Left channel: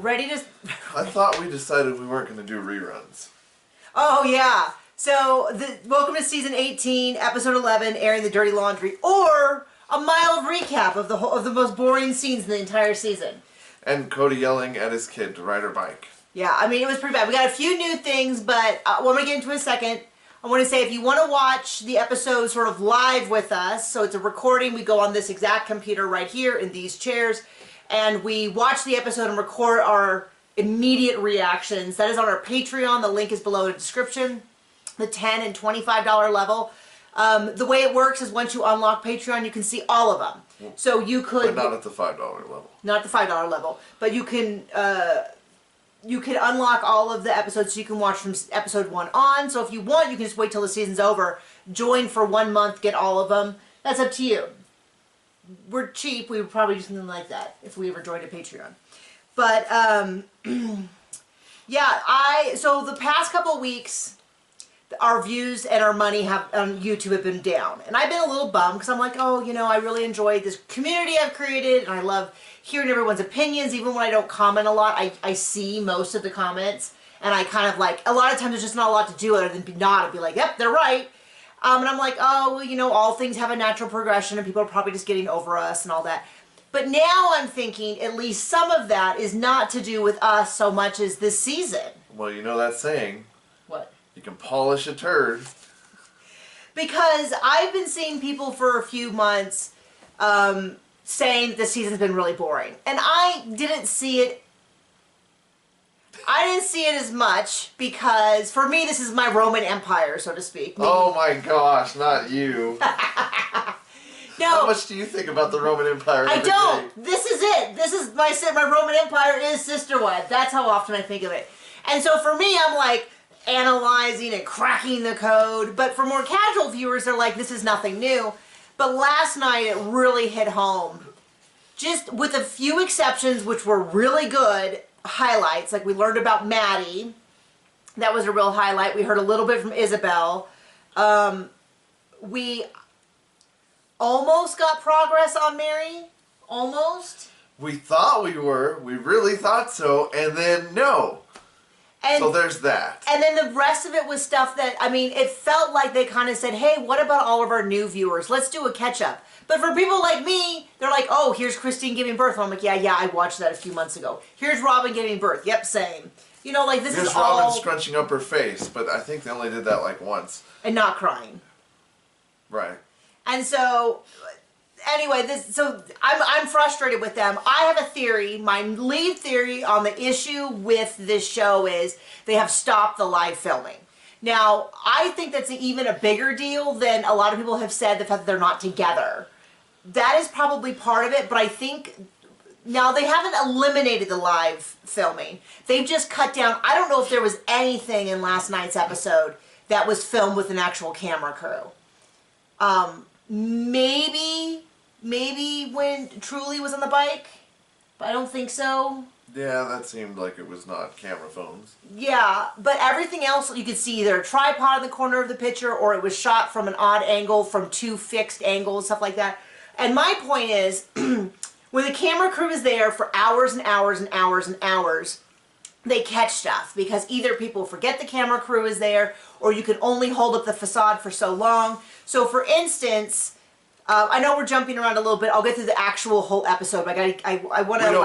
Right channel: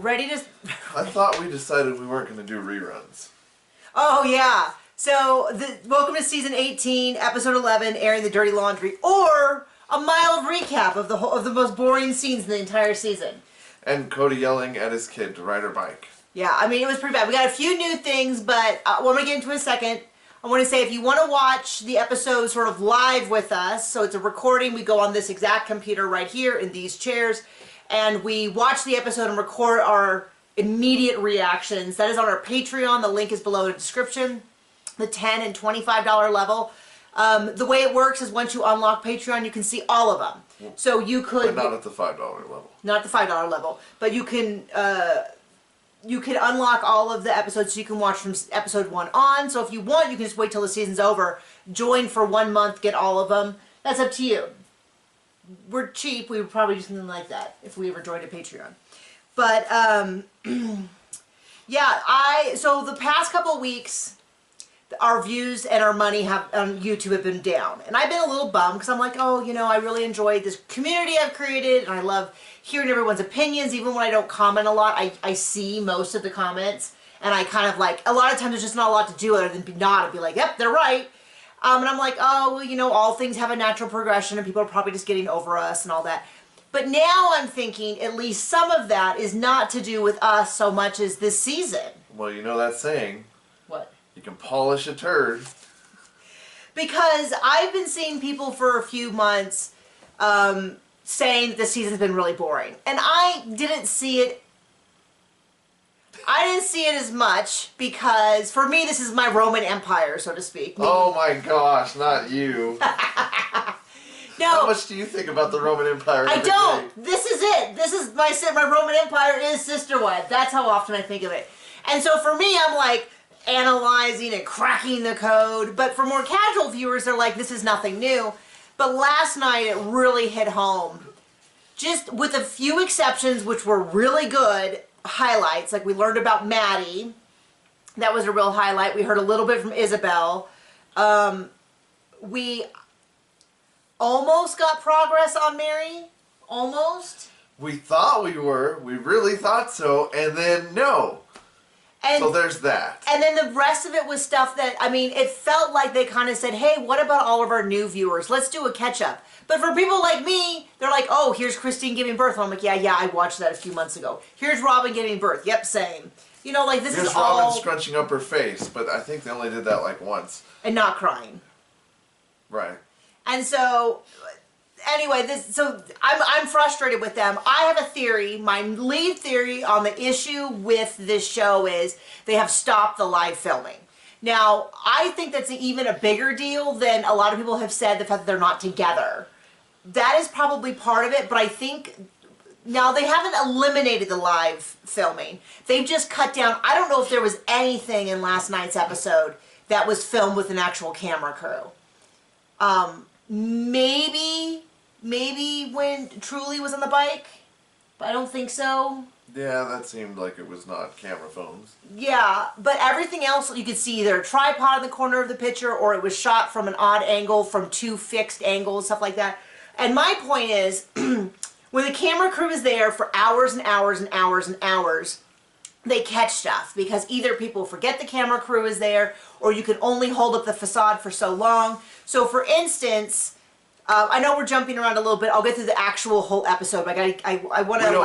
ready to... I thought we decided we weren't going to do reruns. Oh, yeah. So, welcome to season 18, episode 11, airing the dirty laundry, or a mild recap of the most boring scenes in the entire season. And Cody yelling at his kid to ride her bike. Yeah, I mean, it was pretty bad. We got a few new things, but what I'm going to get into in a second. I want to say, if you want to watch the episode sort of live with us, so it's a recording, we go on this exact computer right here in these chairs, and we watch the episode and record our immediate reactions. That is on our Patreon. The link is below in the description. The $10 and $25 level. The way it works is once you unlock Patreon, you can see all of them. So you could... But not at the $5 level. Not the $5 level. But you can unlock all of the episodes, so you can watch from episode 1 on. So if you want, you can just wait till the season's over, join for 1 month, get all of them. That's up to you. We're cheap. We would probably do something like that if we ever joined a Patreon. But, yeah, so the past couple of weeks, our views and our money on YouTube have been down. And I've been a little bummed because I'm like, oh, you know, I really enjoyed this community I've created, and I love hearing everyone's opinions. Even when I don't comment a lot, I see most of the comments, and I kind of like, a lot of times there's just not a lot to do other than be nod and be like, yep, they're right. And I'm like, oh, well, you know, all things have a natural progression, and people are probably just getting over us and all that. But now I'm thinking at least some of that is not to do with us so much as this season. Well, you know that saying. What? You can polish a turd. Because I've been seeing people for a few months saying that this season's been really boring. And I didn't see it. I didn't see it as much because, for me, this is my Roman Empire, so to speak. Oh my gosh, not you. No. How much do you think about the Roman Empire? I don't. Day? This is it. This is my Roman Empire is Sisterwife. That's how often I think of it. And so for me, I'm like analyzing and cracking the code. But for more casual viewers, they're like, this is nothing new. But last night, it really hit home. Just with a few exceptions, which were really good highlights. Like we learned about Maddie. That was a real highlight. We heard a little bit from Isabel. We almost got progress on Mary. Almost. We thought we were. We really thought so. And then no. And, so there's that. And then the rest of it was stuff that, I mean, it felt like they kind of said, hey, what about all of our new viewers? Let's do a catch-up. But for people like me, they're like, oh, here's Christine giving birth. And I'm like, yeah, I watched that a few months ago. Here's Robin giving birth. Yep, same. You know, like, this is all... Here's Robin scrunching up her face, but I think they only did that, like, once. And not crying. Right. And so... Anyway, so I'm frustrated with them. I have a theory. My lead theory on the issue with this show is they have stopped the live filming. Now, I think that's even a bigger deal than a lot of people have said, the fact that they're not together. That is probably part of it, but I think... Now, they haven't eliminated the live filming. They've just cut down... I don't know if there was anything in last night's episode that was filmed with an actual camera crew. Maybe when Truly was on the bike, but I don't think so. Yeah, that seemed like it was not camera phones. Yeah, but everything else, you could see either a tripod in the corner of the picture, or it was shot from an odd angle, from 2 fixed angles, stuff like that. And my point is, when the camera crew is there for hours and hours and hours and hours, they catch stuff, because either people forget the camera crew is there, or you can only hold up the facade for so long. So for instance... I know we're jumping around a little bit. I'll get through the actual whole episode, but I want to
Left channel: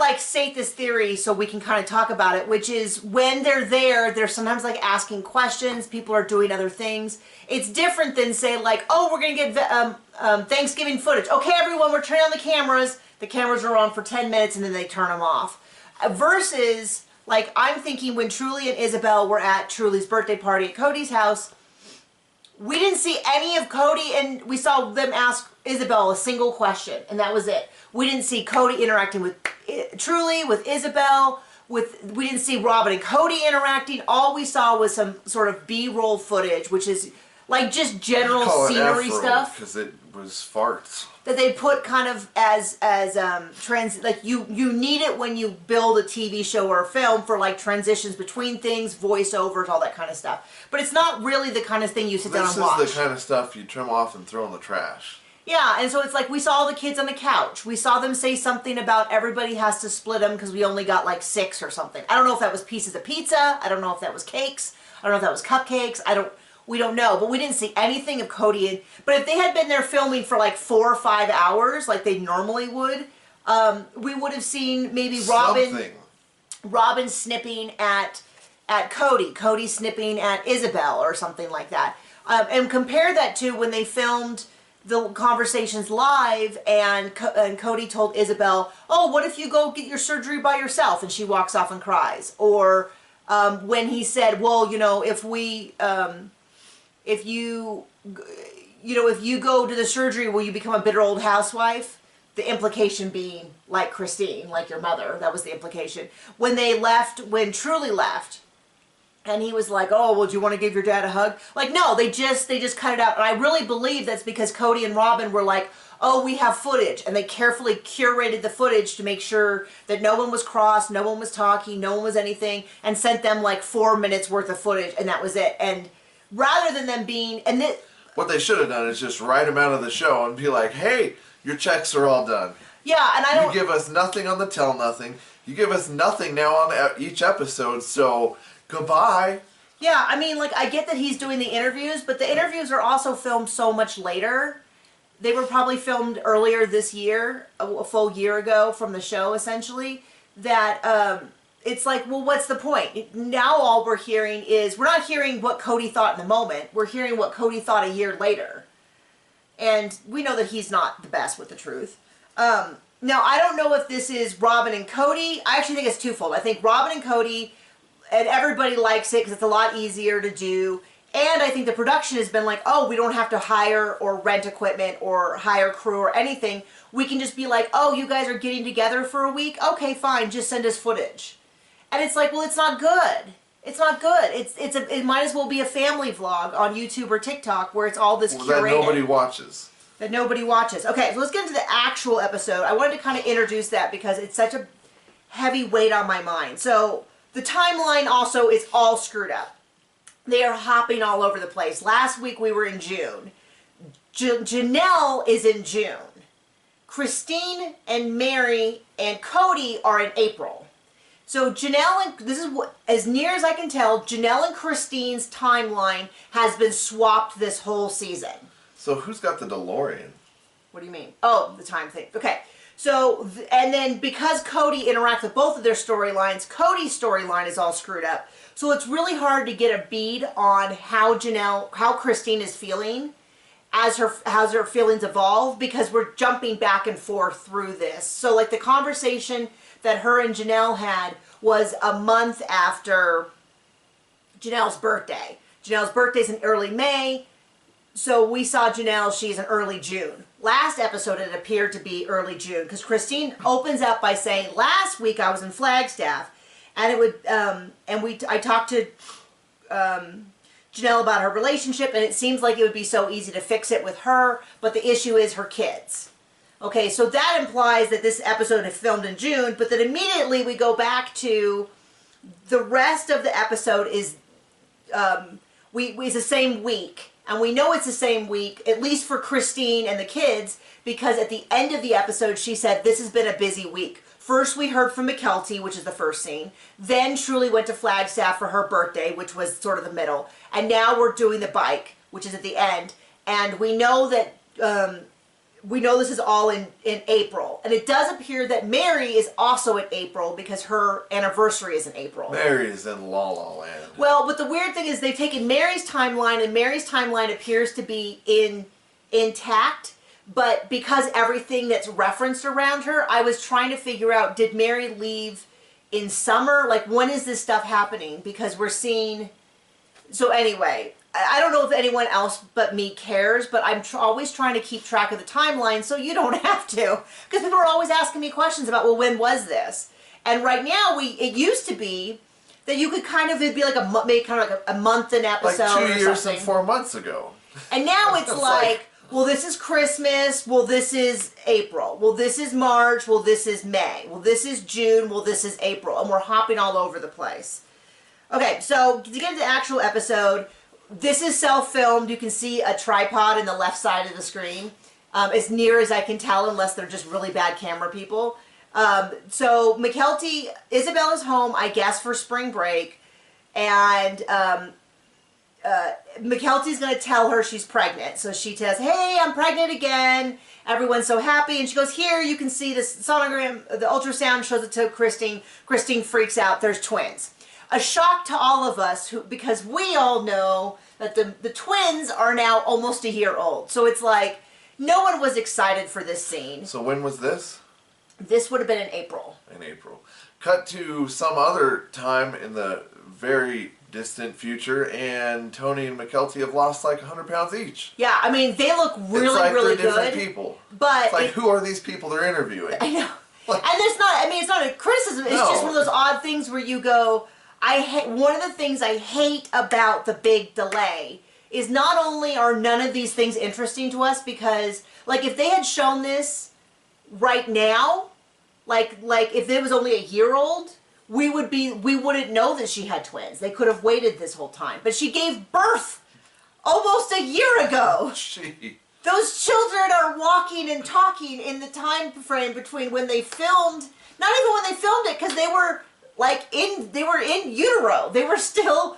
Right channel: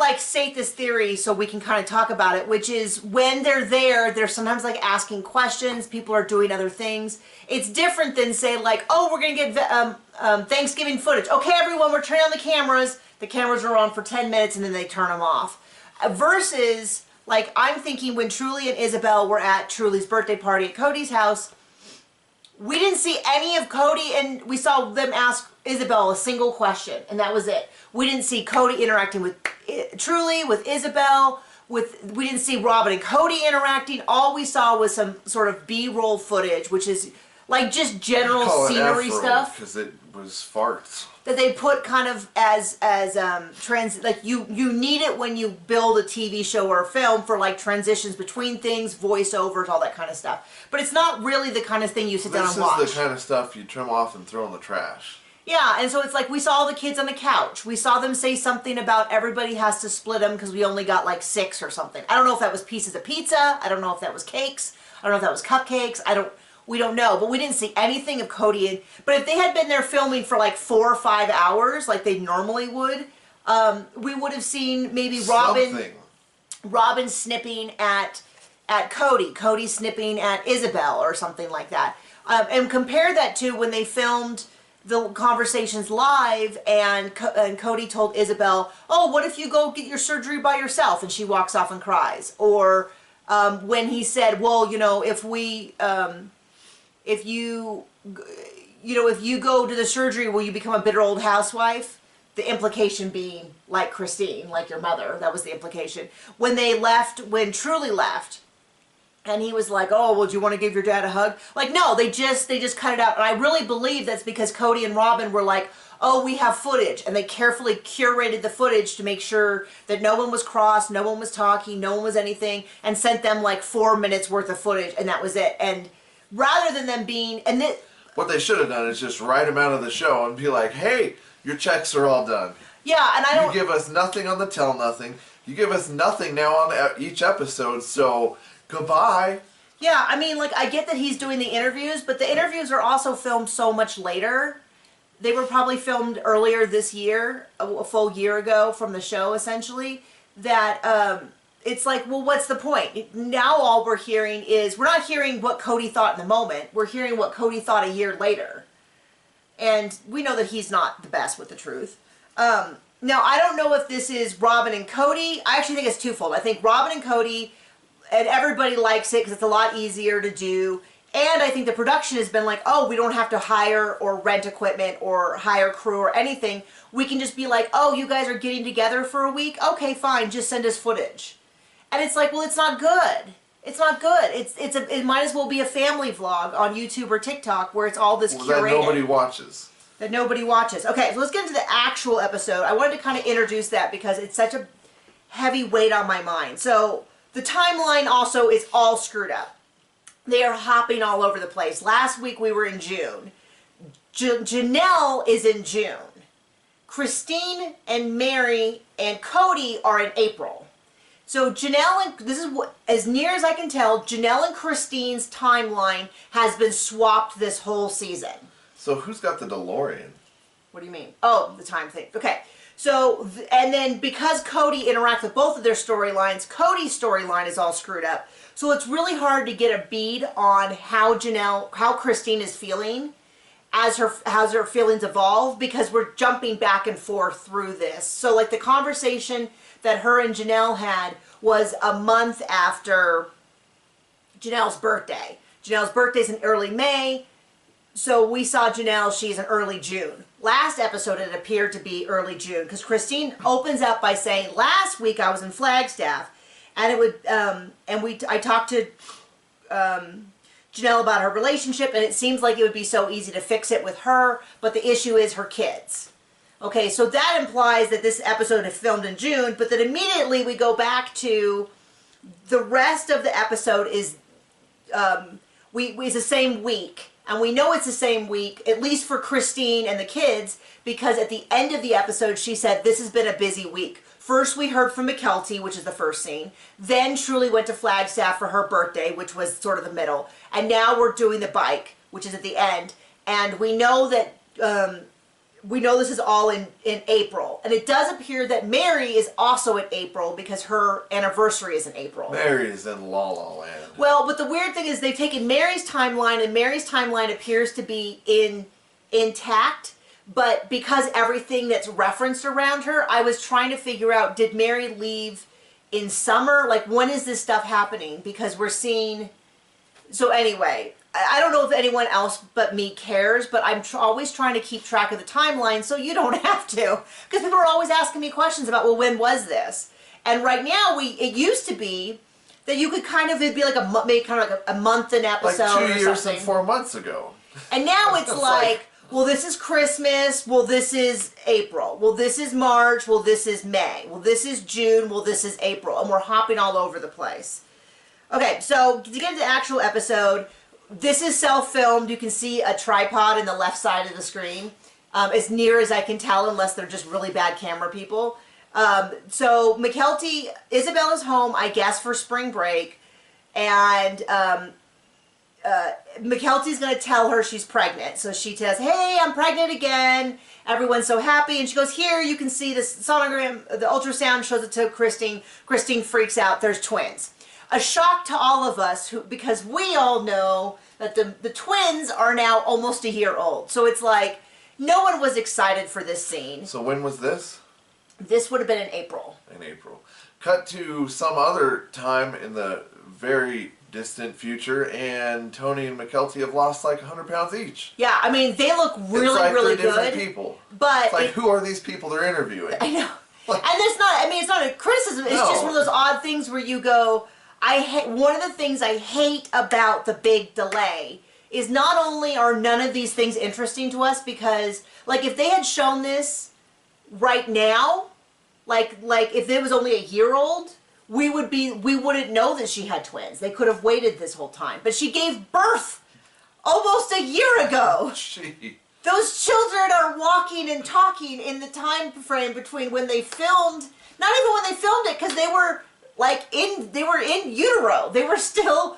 like state this theory so we can kind of talk about it, which is when they're there, they're sometimes like asking questions. People are doing other things. It's different than say like, oh, we're going to get Thanksgiving footage. Okay, everyone, we're turning on the cameras. The cameras are on for 10 minutes and then they turn them off. Versus, like, I'm thinking when Truly and Isabel were at Truly's birthday party at Cody's house, we didn't see any of Cody, and we saw them ask Isabel a single question, and that was it. We didn't see Cody interacting with Truly, with Isabel, we didn't see Robin and Cody interacting. All we saw was some sort of B-roll footage, which is like just general scenery stuff. Because it was farts. That they put kind of as like you need it when you build a TV show or a film for like transitions between things, voiceovers, all that kind of stuff. But it's not really the kind of thing you sit down and watch. This is the kind of stuff you trim off and throw in the trash. Yeah, and so it's like we saw the kids on the couch. We saw them say something about everybody has to split them because we only got like 6 or something. I don't know if that was pieces of pizza. I don't know if that was cakes. I don't know if that was cupcakes. We don't know. But we didn't see anything of Cody. But if they had been there filming for like 4 or 5 hours, like they normally would, we would have seen maybe Robin snipping at Cody. Cody snipping at Isabel or something like that. And compare that to when they filmed the conversations live, and Cody told Isabel, "Oh, what if you go get your surgery by yourself?" And she walks off and cries. Or when he said, "Well, you know, if you go to the surgery, will you become a bitter old housewife?" The implication being like Christine, like your mother. That was the implication. When Truly left. And he was like, "Oh, well, do you want to give your dad a hug?" Like, no, they just cut it out. And I really believe that's because Cody and Robin were like, "Oh, we have footage." And they carefully curated the footage to make sure that no one was cross, no one was talking, no one was anything, and sent them like 4 minutes worth of footage, and that was it. And rather than them being... what they should have done is just write them out of the show and be like, "Hey, your checks are all done." Yeah, and I don't... You give us nothing on the Tell Nothing. You give us nothing now on each episode, so... goodbye. Yeah, I mean, like, I get that he's doing the interviews, but the interviews are also filmed so much later. They were probably filmed earlier this year, a full year ago from the show, essentially, that it's like, well, what's the point? Now all we're hearing is, we're not hearing what Cody thought in the moment, we're hearing what Cody thought a year later. And we know that he's not the best with the truth. Now, I don't know if this is Robin and Cody. I actually think it's twofold. I think Robin and Cody... and everybody likes it because it's a lot easier to do. And I think the production has been like, oh, we don't have to hire or rent equipment or hire crew or anything. We can just be like, oh, you guys are getting together for a week? Okay, fine, just send us footage. And it's like, well, it's not good. It's not good. It might as well be a family vlog on YouTube or TikTok where it's all this curated. That nobody watches. That nobody watches. Okay, so let's get into the actual episode. I wanted to kind of introduce that because it's such a heavy weight on my mind. So... the timeline also is all screwed up. They are hopping all over the place. Last week we were in June. Janelle is in June. Christine and Mary and Cody are in April. So Janelle and, this is what, as near as I can tell, Janelle and Christine's timeline has been swapped this whole season. So who's got the DeLorean? What do you mean? Oh, the time thing. Okay. So, and then because Cody interacts with both of their storylines, Cody's storyline is all screwed up. So it's really hard to get a bead on how Christine is feeling as her feelings evolve, because we're jumping back and forth through this. So like the conversation that her and Janelle had was a month after Janelle's birthday. Janelle's birthday's in early May. So we saw Janelle, she's in early June. Last episode, it appeared to be early June, because Christine opens up by saying, last week I was in Flagstaff, and I talked to Janelle about her relationship, and it seems like it would be so easy to fix it with her, but the issue is her kids. Okay, so that implies that this episode is filmed in June, but then immediately we go back to the rest of the episode is it's the same week. And we know it's the same week, at least for Christine and the kids, because at the end of the episode, she said, this has been a busy week. First, we heard from McKelty, which is the first scene. Then Truly went to Flagstaff for her birthday, which was sort of the middle. And now we're doing the bike, which is at the end. And we know that this is all in April. And it does appear that Mary is also in April because her anniversary is in April. Mary is in La La Land. Well, but the weird thing is they've taken Mary's timeline, and Mary's timeline appears to be intact. But because everything that's referenced around her, I was trying to figure out, did Mary leave in summer? Like, when is this stuff happening? Because we're seeing... So anyway, I don't know if anyone else but me cares, but I'm always trying to keep track of the timeline so you don't have to. Because people are always asking me questions about, well, when was this? And right now, it used to be that you could kind of, it'd be like a month an episode or something. Like 2 years and 4 months ago. And now it's like, well, this is Christmas. Well, this is April. Well, this is March. Well, this is May. Well, this is June. Well, this is April. And we're hopping all over the place. Okay, so to get into the actual episode, this is self-filmed. You can see a tripod in the left side of the screen. as near as I can tell, unless they're just really bad camera people. So McKelty, Isabella's home, I guess, for spring break, and McKelty's going to tell her she's pregnant. So she says, hey, I'm pregnant again. Everyone's so happy. And she goes, here, you can see this sonogram, the ultrasound shows it to Christine. Christine freaks out. There's twins. A shock to all of us, because we all know that the twins are now almost a year old. So it's like, no one was excited for this scene. So when was this? This would have been in April. In April. Cut to some other time in the very distant future, and Tony and McKelty have lost like 100 pounds each. Yeah, I mean, they look really, like really they're different good. people. But it's like, who are these people they're interviewing? I know. Like, and there's not, I mean, it's not a criticism. It's just one of those odd things where you go, one of the things I hate about the big delay is not only are none of these things interesting to us, because, like, if they had shown this right now, like if it was only a year old, we wouldn't know that she had twins. They could have waited this whole time. But she gave birth almost a year ago. Those children are walking and talking in the time frame between when they filmed, not even when they filmed it, because they were in utero. They were still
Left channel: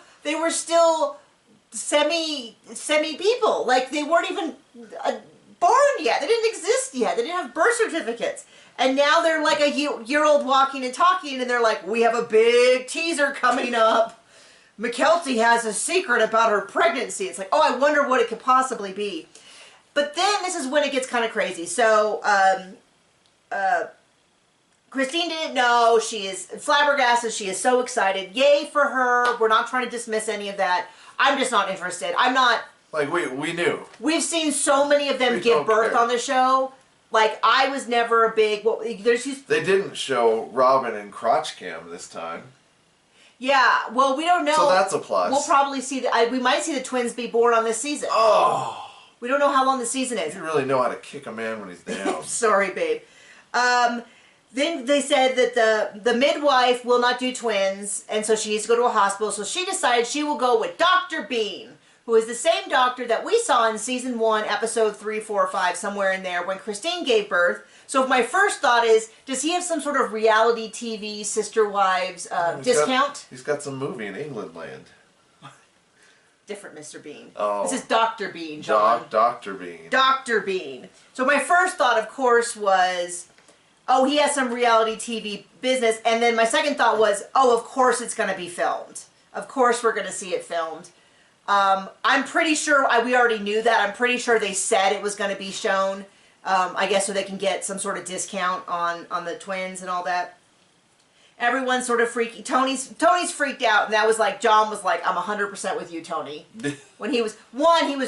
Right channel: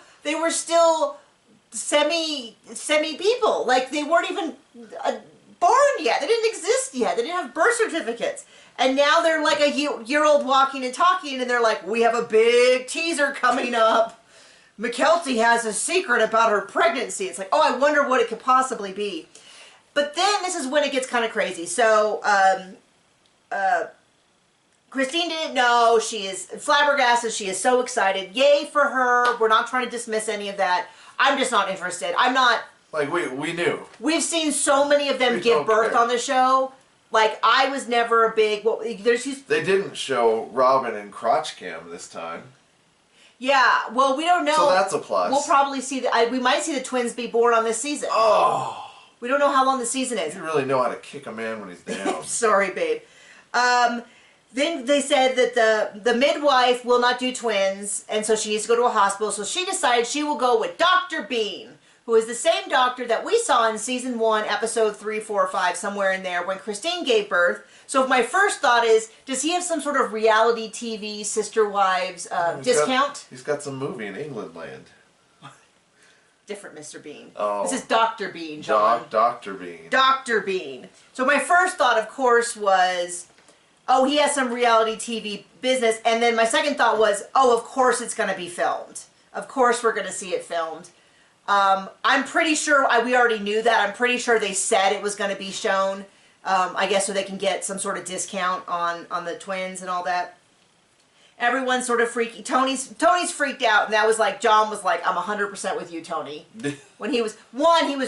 semi people. Like, they weren't even born yet. They didn't exist yet. They didn't have birth certificates. And now they're like a year old walking and talking, and they're like, we have a big teaser coming up. McKelty has a secret about her pregnancy. It's like, oh, I wonder what it could possibly be. But then this is when it gets kind of crazy. So Christine didn't know. She is flabbergasted. She is so excited. Yay for her. We're not trying to dismiss any of that. I'm just not interested. I'm not. Like, we knew. We've seen so many of them give birth on the show. Like, I was never a big... They didn't show Robin and crotch cam this time. Yeah, well, we don't know. So that's a plus. We'll probably see... we might see the twins be born on this season. Oh! We don't know how long the season is. You really know how to kick a man when he's down. Sorry, babe. Then they said that the midwife will not do twins, and so she needs to go to a hospital. So she decided she will go with Dr. Bean, who is the same doctor that we saw in season 1, episode 3, 4, 5, somewhere in there, when Christine gave birth. So my first thought is, does he have some sort of reality TV Sister Wives discount? He's got some movie in England land. Different Mr. Bean. Oh. This is Dr. Bean, John. Dr. Bean. Dr. Bean. So my first thought, of course, was, oh, he has some reality TV business. And then my second thought was, oh, of course it's going to be filmed. Of course we're going to see it filmed. I'm pretty sure, we already knew that. I'm pretty sure they said it was going to be shown, I guess so they can get some sort of discount on the twins and all that. Everyone's sort of freaky. Tony's freaked out, and that was like, John was like, I'm 100% with you, Tony. When he was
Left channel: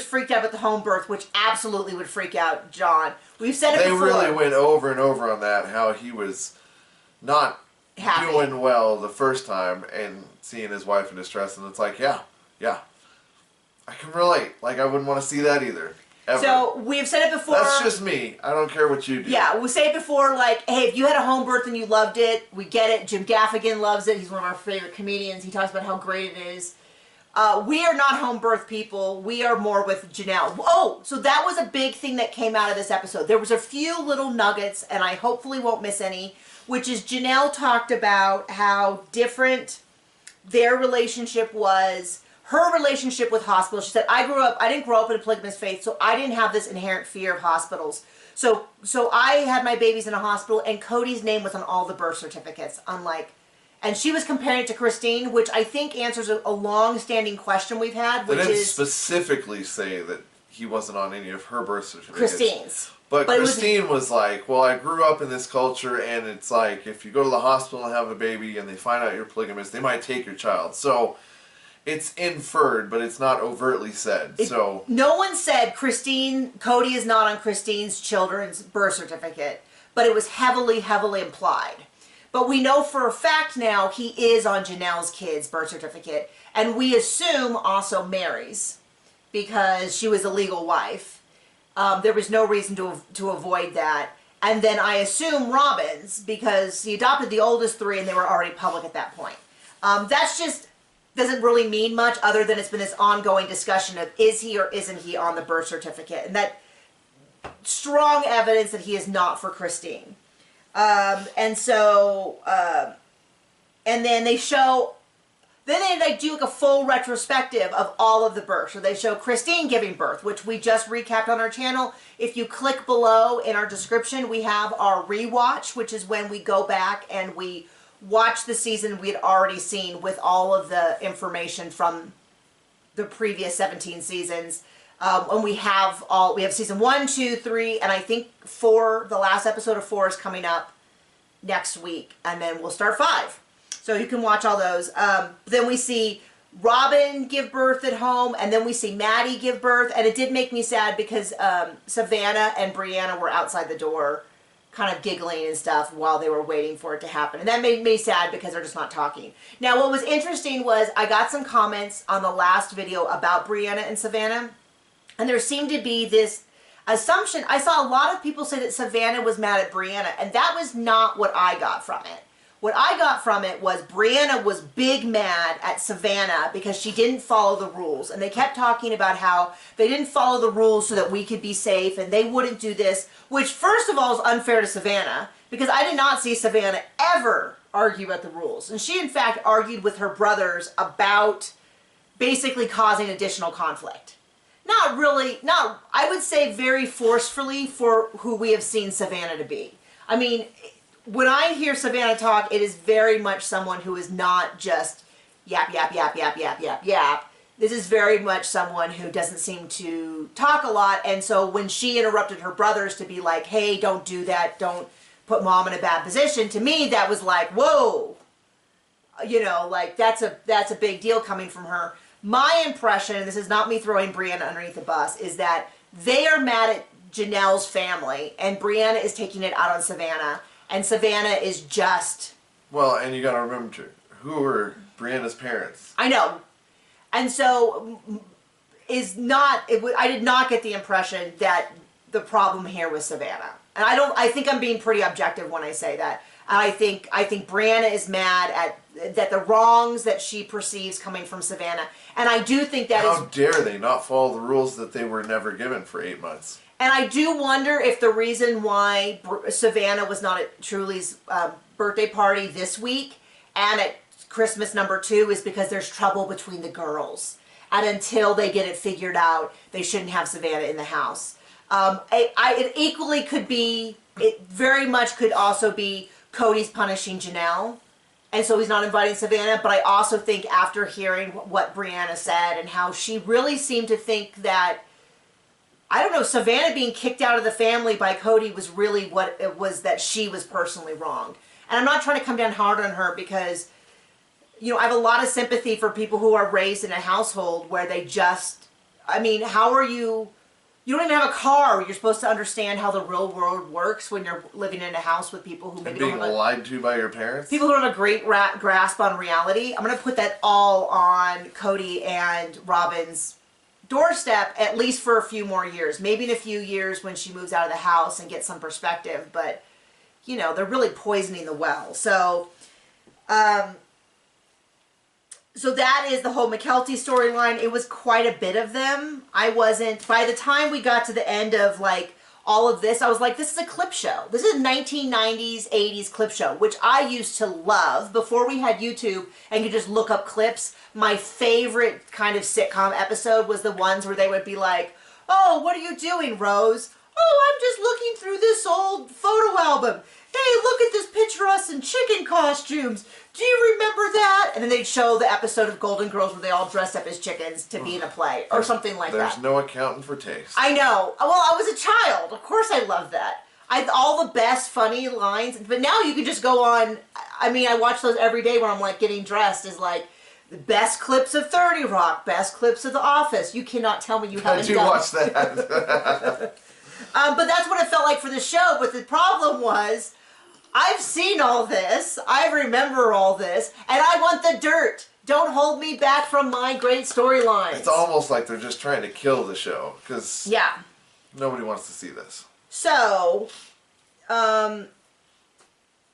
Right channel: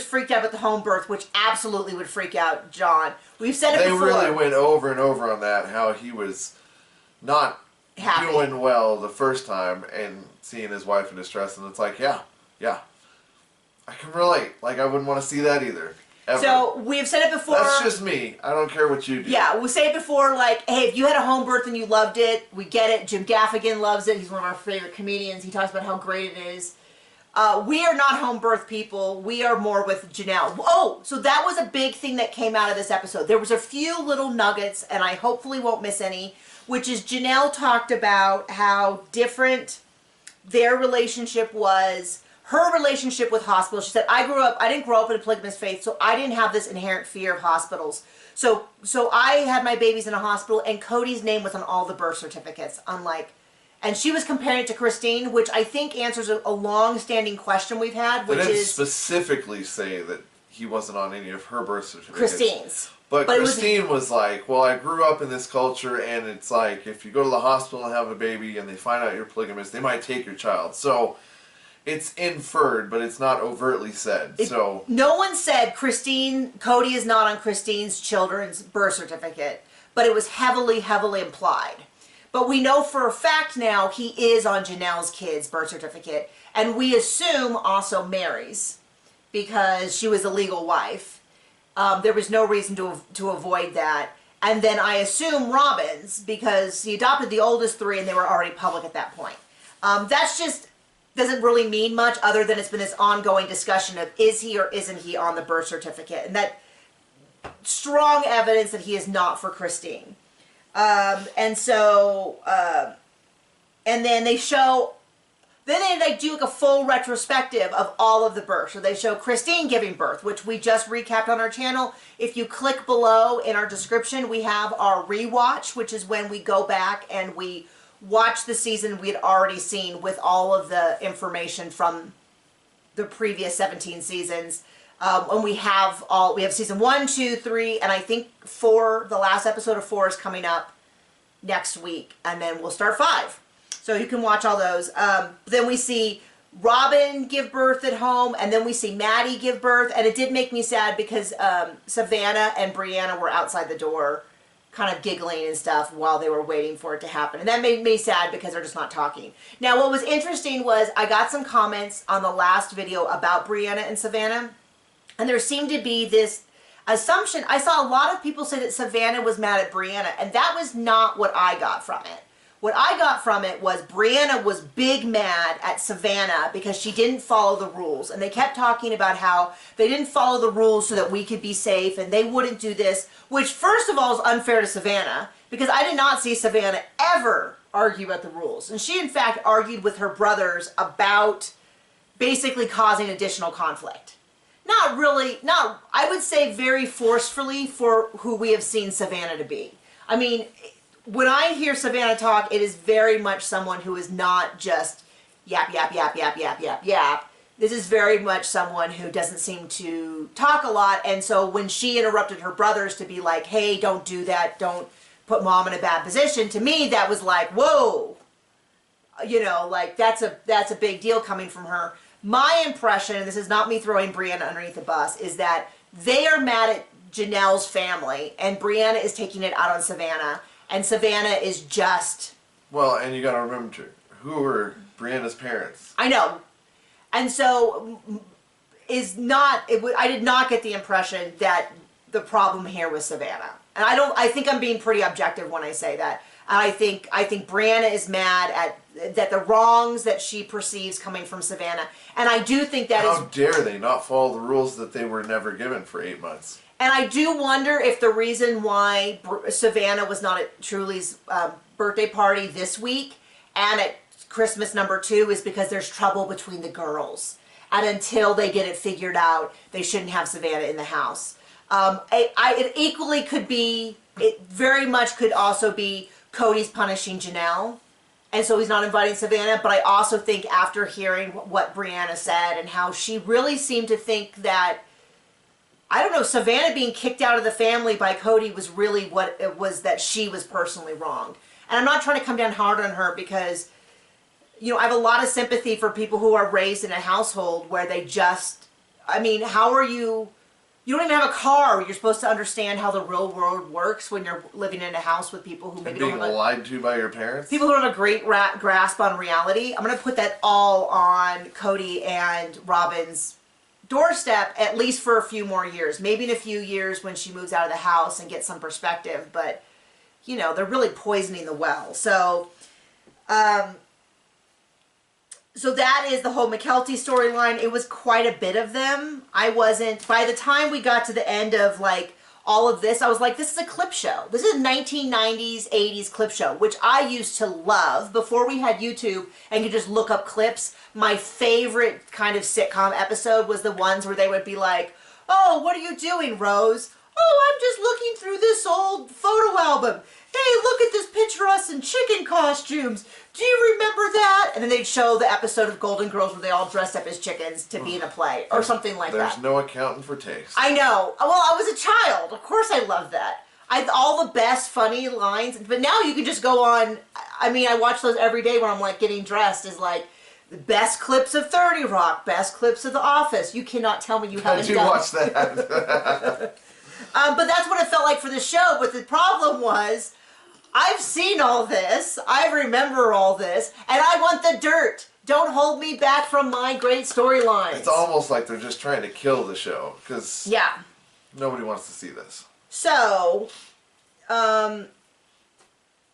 freaked out at the home birth, which absolutely would freak out John. We've said it before. They really went over and over on that, how he was not doing well the first time and seeing his wife in distress, and it's like, yeah. I can relate. Like, I wouldn't want to see that either. Ever. So, we've said it before. That's just me. I don't care what you do. Yeah, we'll say it before, like, hey, if you had a home birth and you loved it, we get it. Jim Gaffigan loves it. He's one of our favorite comedians. He talks about how great it is. We are not home birth people. We are more with Janelle. Oh, so that was a big thing that came out of this episode. There was a few little nuggets, and I hopefully won't miss any, which is Janelle talked about how different their relationship was. Her relationship with hospitals, she said, I didn't grow up in a polygamous faith, so I didn't have this inherent fear of hospitals. So I had my babies in a hospital, and Cody's name was on all the birth certificates, and she was comparing it to Christine, which I think answers a long-standing question we've had, which is... They didn't specifically say that he wasn't on any of her birth certificates. Christine's. But Christine was like, well, I grew up in this culture, and it's like, if you go to the hospital and have a baby, and they find out you're polygamous, they might take your child. So... it's inferred, but it's not overtly said. No one said Cody is not on Christine's children's birth certificate, but it was heavily, heavily implied. But we know for a fact now he is on Janelle's kid's birth certificate, and we assume also Mary's, because she was a legal wife. There was no reason to avoid that. And then I assume Robin's, because he adopted the oldest 3, and they were already public at that point. That's just... doesn't really mean much other than it's been this ongoing discussion of is he or isn't he on the birth certificate, and that strong evidence that he is not for Christine. And so, and then they show, then they like do like a full retrospective of all of the births. So they show Christine giving birth, which we just recapped on our channel. If you click below in our description, we have our rewatch, which is when we go back and we watch the season we had already seen with all of the information from the previous 17 seasons. And we have season 1, 2, 3, and I think 4, the last episode of 4 is coming up next week. And then we'll start 5. So you can watch all those. Then we see Robin give birth at home, and then we see Maddie give birth. And it did make me sad because Savannah and Brianna were outside the door kind of giggling and stuff while they were waiting for it to happen. And that made me sad because they're just not talking. Now, what was interesting was I got some comments on the last video about Brianna and Savannah. And there seemed to be this assumption. I saw a lot of people say that Savannah was mad at Brianna, and that was not what I got from it. What I got from it was Brianna was big mad at Savannah because she didn't follow the rules. And they kept talking about how they didn't follow the rules so that we could be safe and they wouldn't do this, which first of all is unfair to Savannah because I did not see Savannah ever argue about the rules. And she in fact argued with her brothers about basically causing additional conflict. Not really, I would say very forcefully for who we have seen Savannah to be. I mean, when I hear Savannah talk, it is very much someone who is not just yap, yap, yap, yap, yap, yap, yap. This is very much someone who doesn't seem to talk a lot. And so when she interrupted her brothers to be like, hey, don't do that, don't put mom in a bad position, to me that was like, whoa. You know, like that's a big deal coming from her. My impression, and this is not me throwing Brianna underneath the bus, is that they are mad at Janelle's family and Brianna is taking it out on Savannah. And Savannah is just... Well, and you got to remember, who were Brianna's parents? I know. And so, I did not get the impression that the problem here was Savannah. And I think I'm being pretty objective when I say that. And I think Brianna is mad at the wrongs that she perceives coming from Savannah. And I do think that How dare they not follow the rules that they were never given for 8 months? And I do wonder if the reason why Savannah was not at Truly's birthday party this week and at Christmas #2 is because there's trouble between the girls. And until they get it figured out, they shouldn't have Savannah in the house. It equally could be, it very much could also be Cody's punishing Janelle. And so he's not inviting Savannah. But I also think after hearing what Brianna said and how she really seemed to think that, I don't know, Savannah being kicked out of the family by Cody was really what it was, that she was personally wronged. And I'm not trying to come down hard on her because, you know, I have a lot of sympathy for people who are raised in a household where they just, I mean, how are you don't even have a car. You're supposed to understand how the real world works when you're living in a house with people who maybe don't have lied to by your parents. People who don't have a great grasp on reality. I'm going to put that all on Cody and Robin's doorstep, at least for a few more years. Maybe in a few years when she moves out of the house and gets some perspective. But, you know, they're really poisoning the well. So, so that is the whole McKelty storyline. It was quite a bit of them. By the time we got to the end of, like, all of this, I was like, this is a clip show. This is a 1990s, 80s clip show, which I used to love before we had YouTube and could just look up clips. My favorite kind of sitcom episode was the ones where they would be like, oh, what are you doing, Rose? Oh, I'm just looking through this old photo album. Hey, look at this picture of us in chicken costumes. Do you remember that? And then they'd show the episode of Golden Girls where they all dressed up as chickens to be in a play or something like that. There's no accounting for taste. I know. Well, I was a child. Of course I loved that. All the best funny lines. But now you can just go on. I mean, I watch those every day when I'm like getting dressed is like the best clips of 30 Rock, best clips of The Office. You cannot tell me you haven't done. Did you watch that? But that's what it felt like for the show. But the problem was, I've seen all this, I remember all this, and I want the dirt. Don't hold me back from my great storylines. It's almost like they're just trying to kill the show, because nobody wants to see this. So, and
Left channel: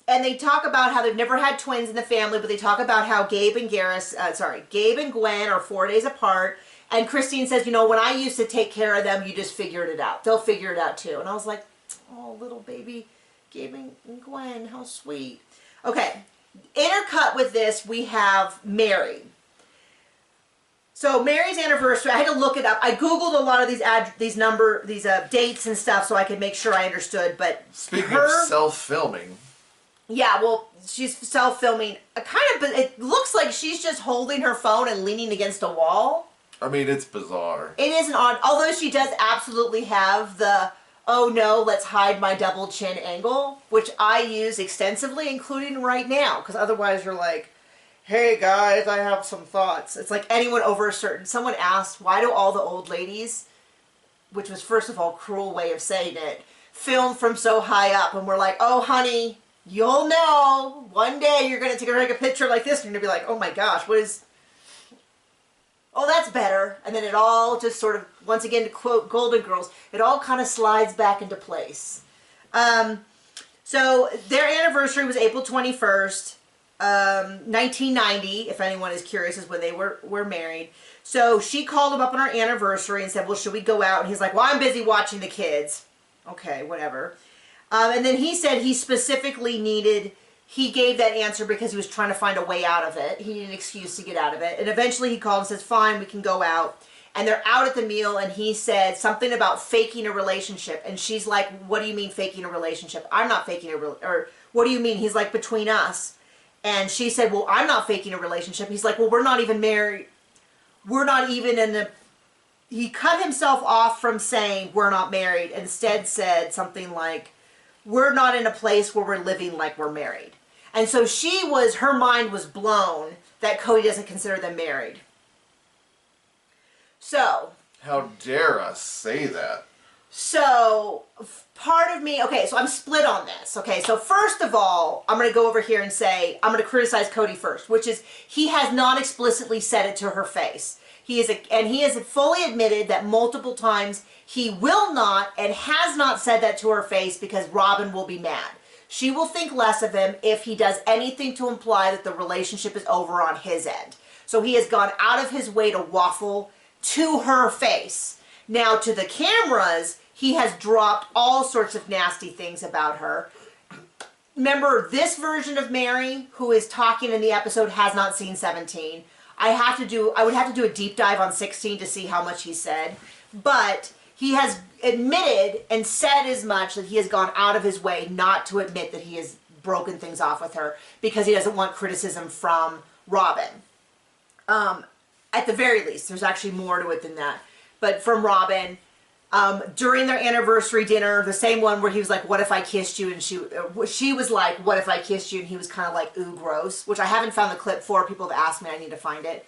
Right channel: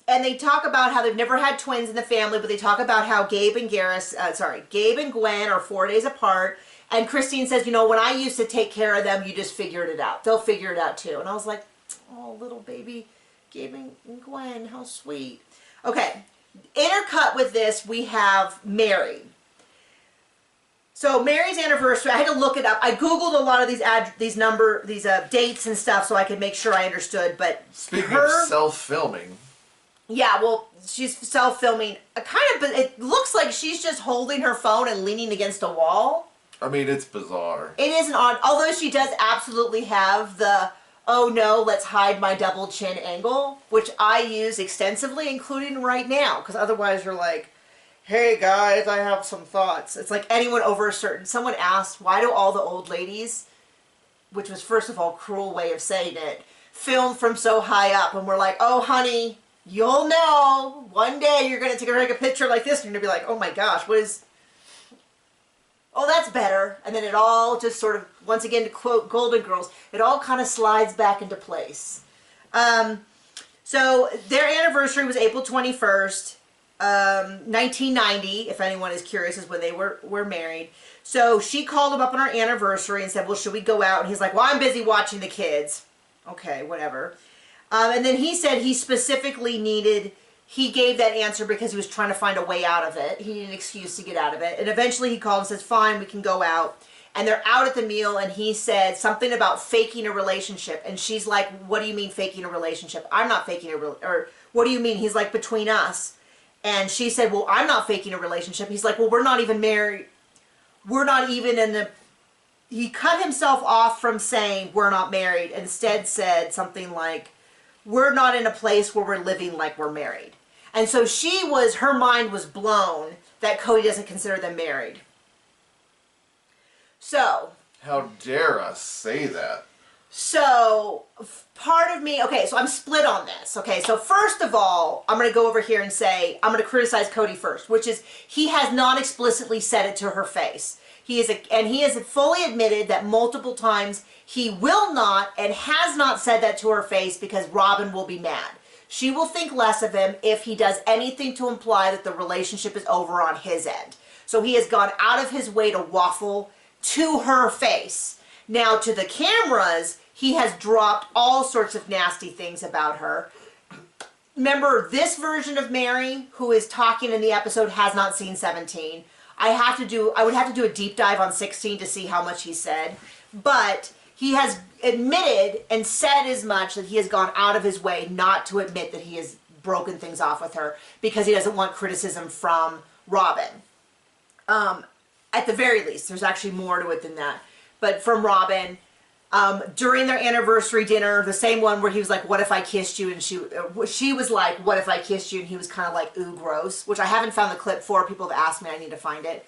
they talk about how they've never had twins in the family, but they talk about how Gabe and Gwen are 4 days apart, And Christine says, you know, when I used to take care of them, you just figured it out. They'll figure it out too. And I was like, oh, little baby Gabe and Gwen, how sweet. Okay, intercut with this, we have Mary. So Mary's anniversary, I had to look it up. I Googled a lot of these dates and stuff so I could make sure I understood. But speaking of self-filming. Yeah, well, she's self-filming. It looks like she's just holding her phone and leaning against a wall. I mean, it's bizarre. It is an odd, although she does absolutely have the, oh no, let's hide my double chin angle, which I use extensively, including right now, because otherwise you're like, hey guys, I have some thoughts. It's like anyone over a certain, someone asked, why do all the old ladies, which was first of all a cruel way of saying it, film from so high up? And we're like, oh honey, you'll know, one day you're going to take a picture like this and you're going to be like, oh my gosh, what is, oh that's better. And then it all just sort of, once again to quote Golden Girls, it all kind of slides back into place. So their anniversary was April 21st. 1990, if anyone is curious, is when they were married. So she called him up on our anniversary and said, well, should we go out? And he's like, well, I'm busy watching the kids. Okay, whatever. And then he said he specifically he gave that answer because he was trying to find a way out of it. He needed an excuse to get out of it. And eventually he called and says, fine, we can go out. And they're out at the meal and he said something about faking a relationship. And she's like, what do you mean faking a relationship? I'm not faking or what do you mean? He's like, between us. And she said, well, I'm not faking a relationship. He's like, well, we're not even married. We're not even he cut himself off from saying we're not married. Instead said something like, we're not in a place where we're living like we're married. And so her mind was blown that Cody doesn't consider them married. So. How dare us say that? So, part of me, okay, so I'm split on this. Okay, so first of all, I'm going to go over here and say, I'm going to criticize Cody first, which is he has not explicitly said it to her face. He has fully admitted that multiple times he will not and has not said that to her face because Robin will be mad. She will think less of him if he does anything to imply that the relationship is over on his end. So he has gone out of his way to waffle to her face. Now, to the cameras, he has dropped all sorts of nasty things about her. Remember, this version of Mary, who is talking in the episode, has not seen 17. I would have to do a deep dive on 16 to see how much he said. But he has admitted and said as much that he has gone out of his way not to admit that he has broken things off with her because he doesn't want criticism from Robin. At the very least, there's actually more to it than that. But from Robin, during their anniversary dinner, the same one where he was like, what if I kissed you? And she was like, what if I kissed you? And he was kind of like, ooh, gross, which I haven't found the clip for. People have asked me, I need to find it.